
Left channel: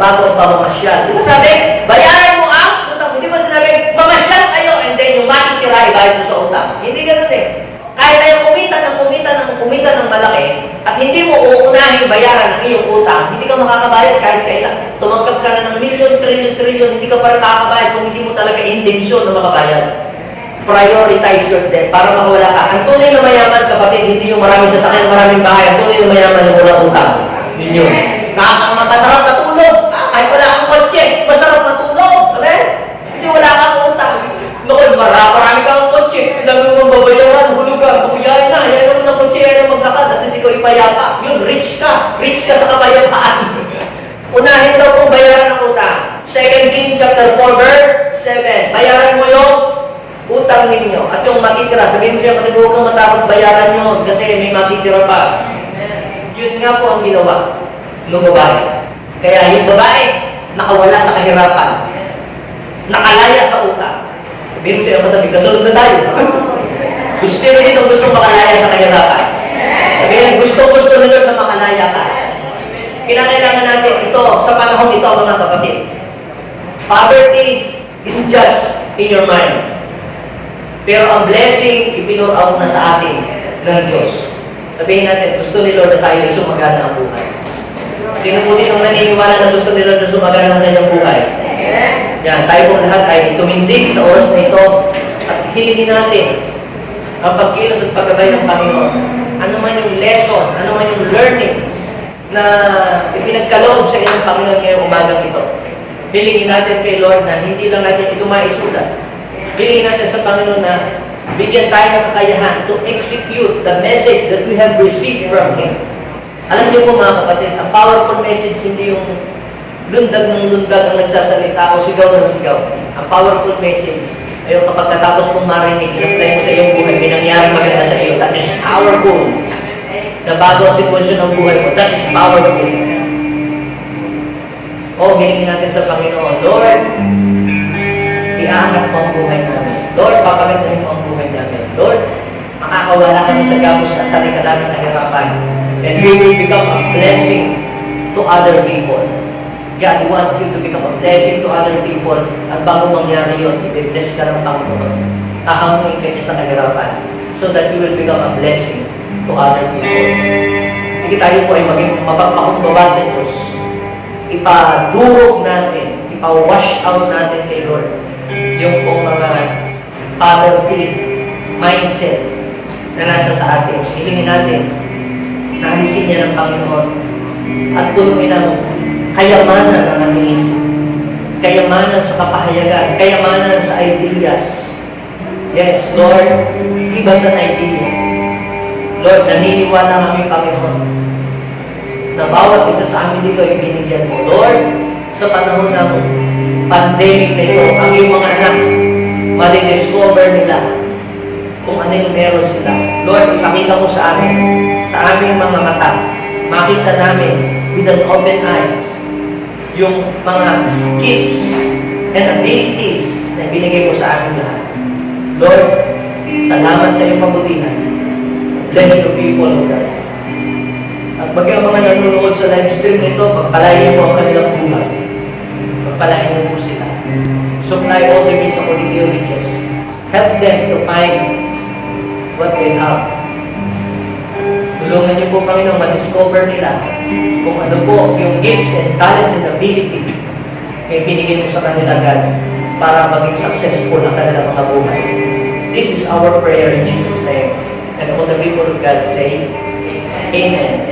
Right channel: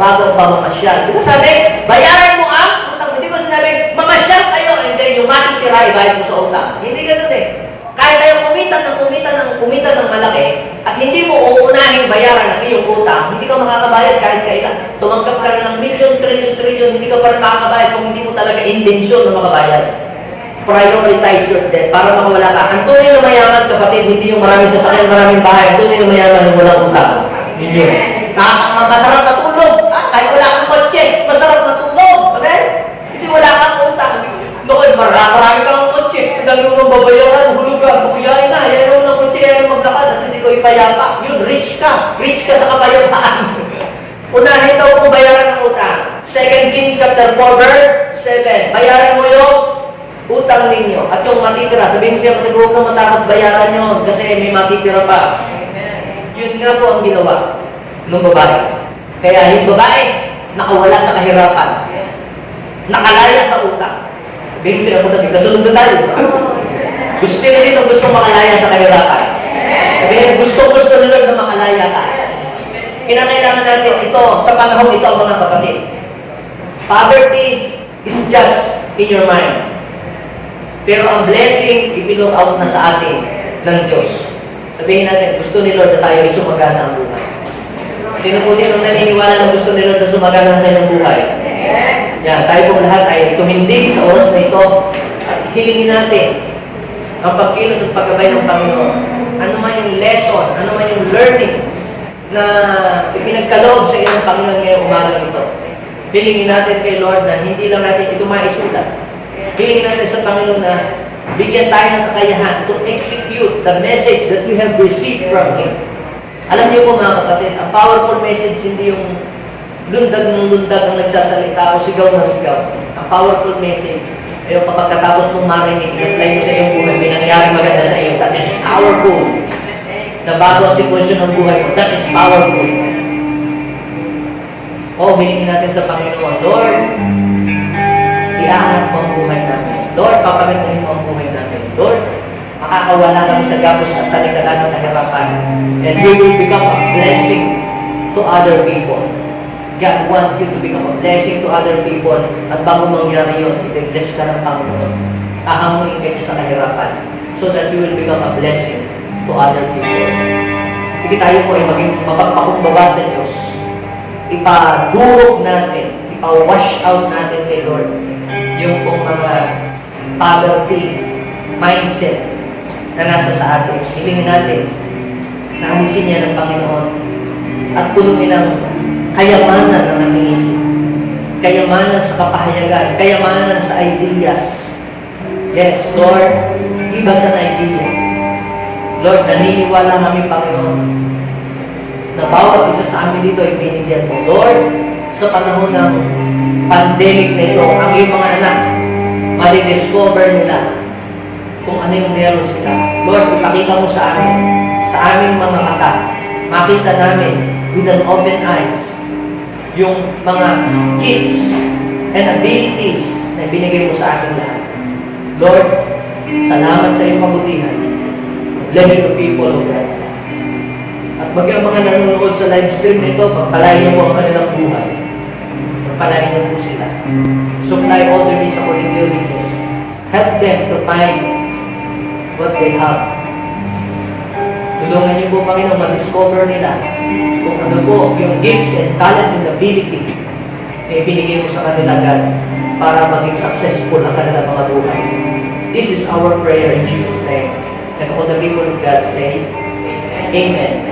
Bago ang pamamasyal. Di ba sabi, bayaran mo ang utang. Hindi mo sinabi, mamasyal kayo and then yung matitira, ibayad mo sa utang. Hindi ganun eh. Kahit tayo kumita ng malaki at hindi mo uunahin bayaran ang iyong utang, hindi ka makakabayad kahit kailan. Tumanggap ka na ng milyon, trilyon, hindi ka pa rin makakabayad kung hindi mo talaga intensyon na makabayad. Prioritize your debt para makawala ka. Ang tunay na mayaman, kapatid, hindi yung maraming sasakyan, maraming bahay. Ang tunay na mayaman yung walang utang. Ninyo. Masarap na tulog. Kahit wala kang kotse, masarap na tulog. Amen? Kasi wala kang utang. Noon, marami kang kotse. Ang dami mong babayaran, hulugan, buyay na. Yan ng kotse, yan ang maglakad. At least ikaw ipayapa. Yun, rich ka. Rich ka sa kapayapaan. Unahin daw kung bayaran ng utang. 2 Kings chapter 4 verse 7. Bayaran mo yung utang ninyo. At yung matitira, sabihin mo siya, huwag kang matakot bayaran nyo kasi may matitira pa. Yun nga po ang ginawa ng babae. Kaya yung babae, nakawala sa kahirapan. Nakalaya sa utang. Sabihin mo siya, matabi, kasunod na tayo. Gusto dito gusto makalaya sa kahirapan. Sabihin, gusto nila na makalaya ka. Kinakailangan natin ito, sa panahon ito, mga kapatid. Poverty is just in your mind. Pero ang blessing, ipinur out na sa atin ng Diyos. Sabihin natin, gusto ni Lord na tayo ay sumagana ang buhay. Sino po din ang naniniwala na gusto ni Lord na sumagana ang kanyang buhay? Yan, tayo pong lahat ay tumindig sa oras na ito at hilingin natin ang pagkilos at paggabay ng Panginoon. Ano man yung lesson, ano man yung learning na ipinagkaloob sa iyong Panginoon ngayong umagang ito. Hilingin natin kay Lord na hindi lang natin ito maisulat. Hilingin natin sa Panginoon na bigyan tayo ng kakayahan to execute the message that we have received from Him. Alam niyo po mga kapatid, ang powerful message hindi yung lundag ng lundag ang nagsasalita o sigaw ng sigaw. Ang powerful message ay yung kapag katapos mong marinig, i-apply mo sa iyong buhay, may nangyari maganda sa iyo. That is powerful. Na bago ang sitwasyon ng buhay mo, that is powerful. Hilingin natin sa Panginoon, Lord, iaangat mo ang buhay namin. Lord, papagandahin mo ang buhay namin. Lord, makakawala kami sa gapos at talikalan ng kahirapan. And we will become a blessing to other people. God want you to become a blessing to other people. At bago mangyari yun, i-bless ka ng Panginoon. Ahanguin ka niya sa kahirapan so that you will become a blessing to other people. Sige, tayo po ay maging mapagpakumbaba sa Diyos. Ipadurog natin, ipa-wash out natin kay Lord yung pong mga poverty mindset na nasa sa atin. Hilingin natin na alisin niya ng Panginoon at punuin ang kayamanan ng ating isip. Kayamanan sa kapahayagan, kayamanan sa ideas. Yes, Lord, give us an idea. Lord, naniniwala kami, Panginoon, na bawat isa sa amin dito ay binigyan mo. Lord, sa panahon ng pandemic na ito, ang iyong mga anak, mali-discover nila kung ano yung meron sila. Lord, ipakita mo sa amin, sa aming mga mata, makita namin with an open eyes, yung mga gifts and abilities na ibinigay mo sa amin lahat. Lord, salamat sa iyong kabutihan. Bless the people of God. At bagyang mga nanonood sa live stream nito, pagpalain mo ang kanilang buhay. Pagpalain mo po sila. Supply all their needs according to your riches. Help them to find what they have. Tulungan niyo po, Panginoon, ma-discover nila kung ano po yung gifts and talents and ability na ibinigay mo sa kanila, God, para maging successful ang kanilang mga buhay. This is our prayer in Jesus' name. And all the people of God say, Amen.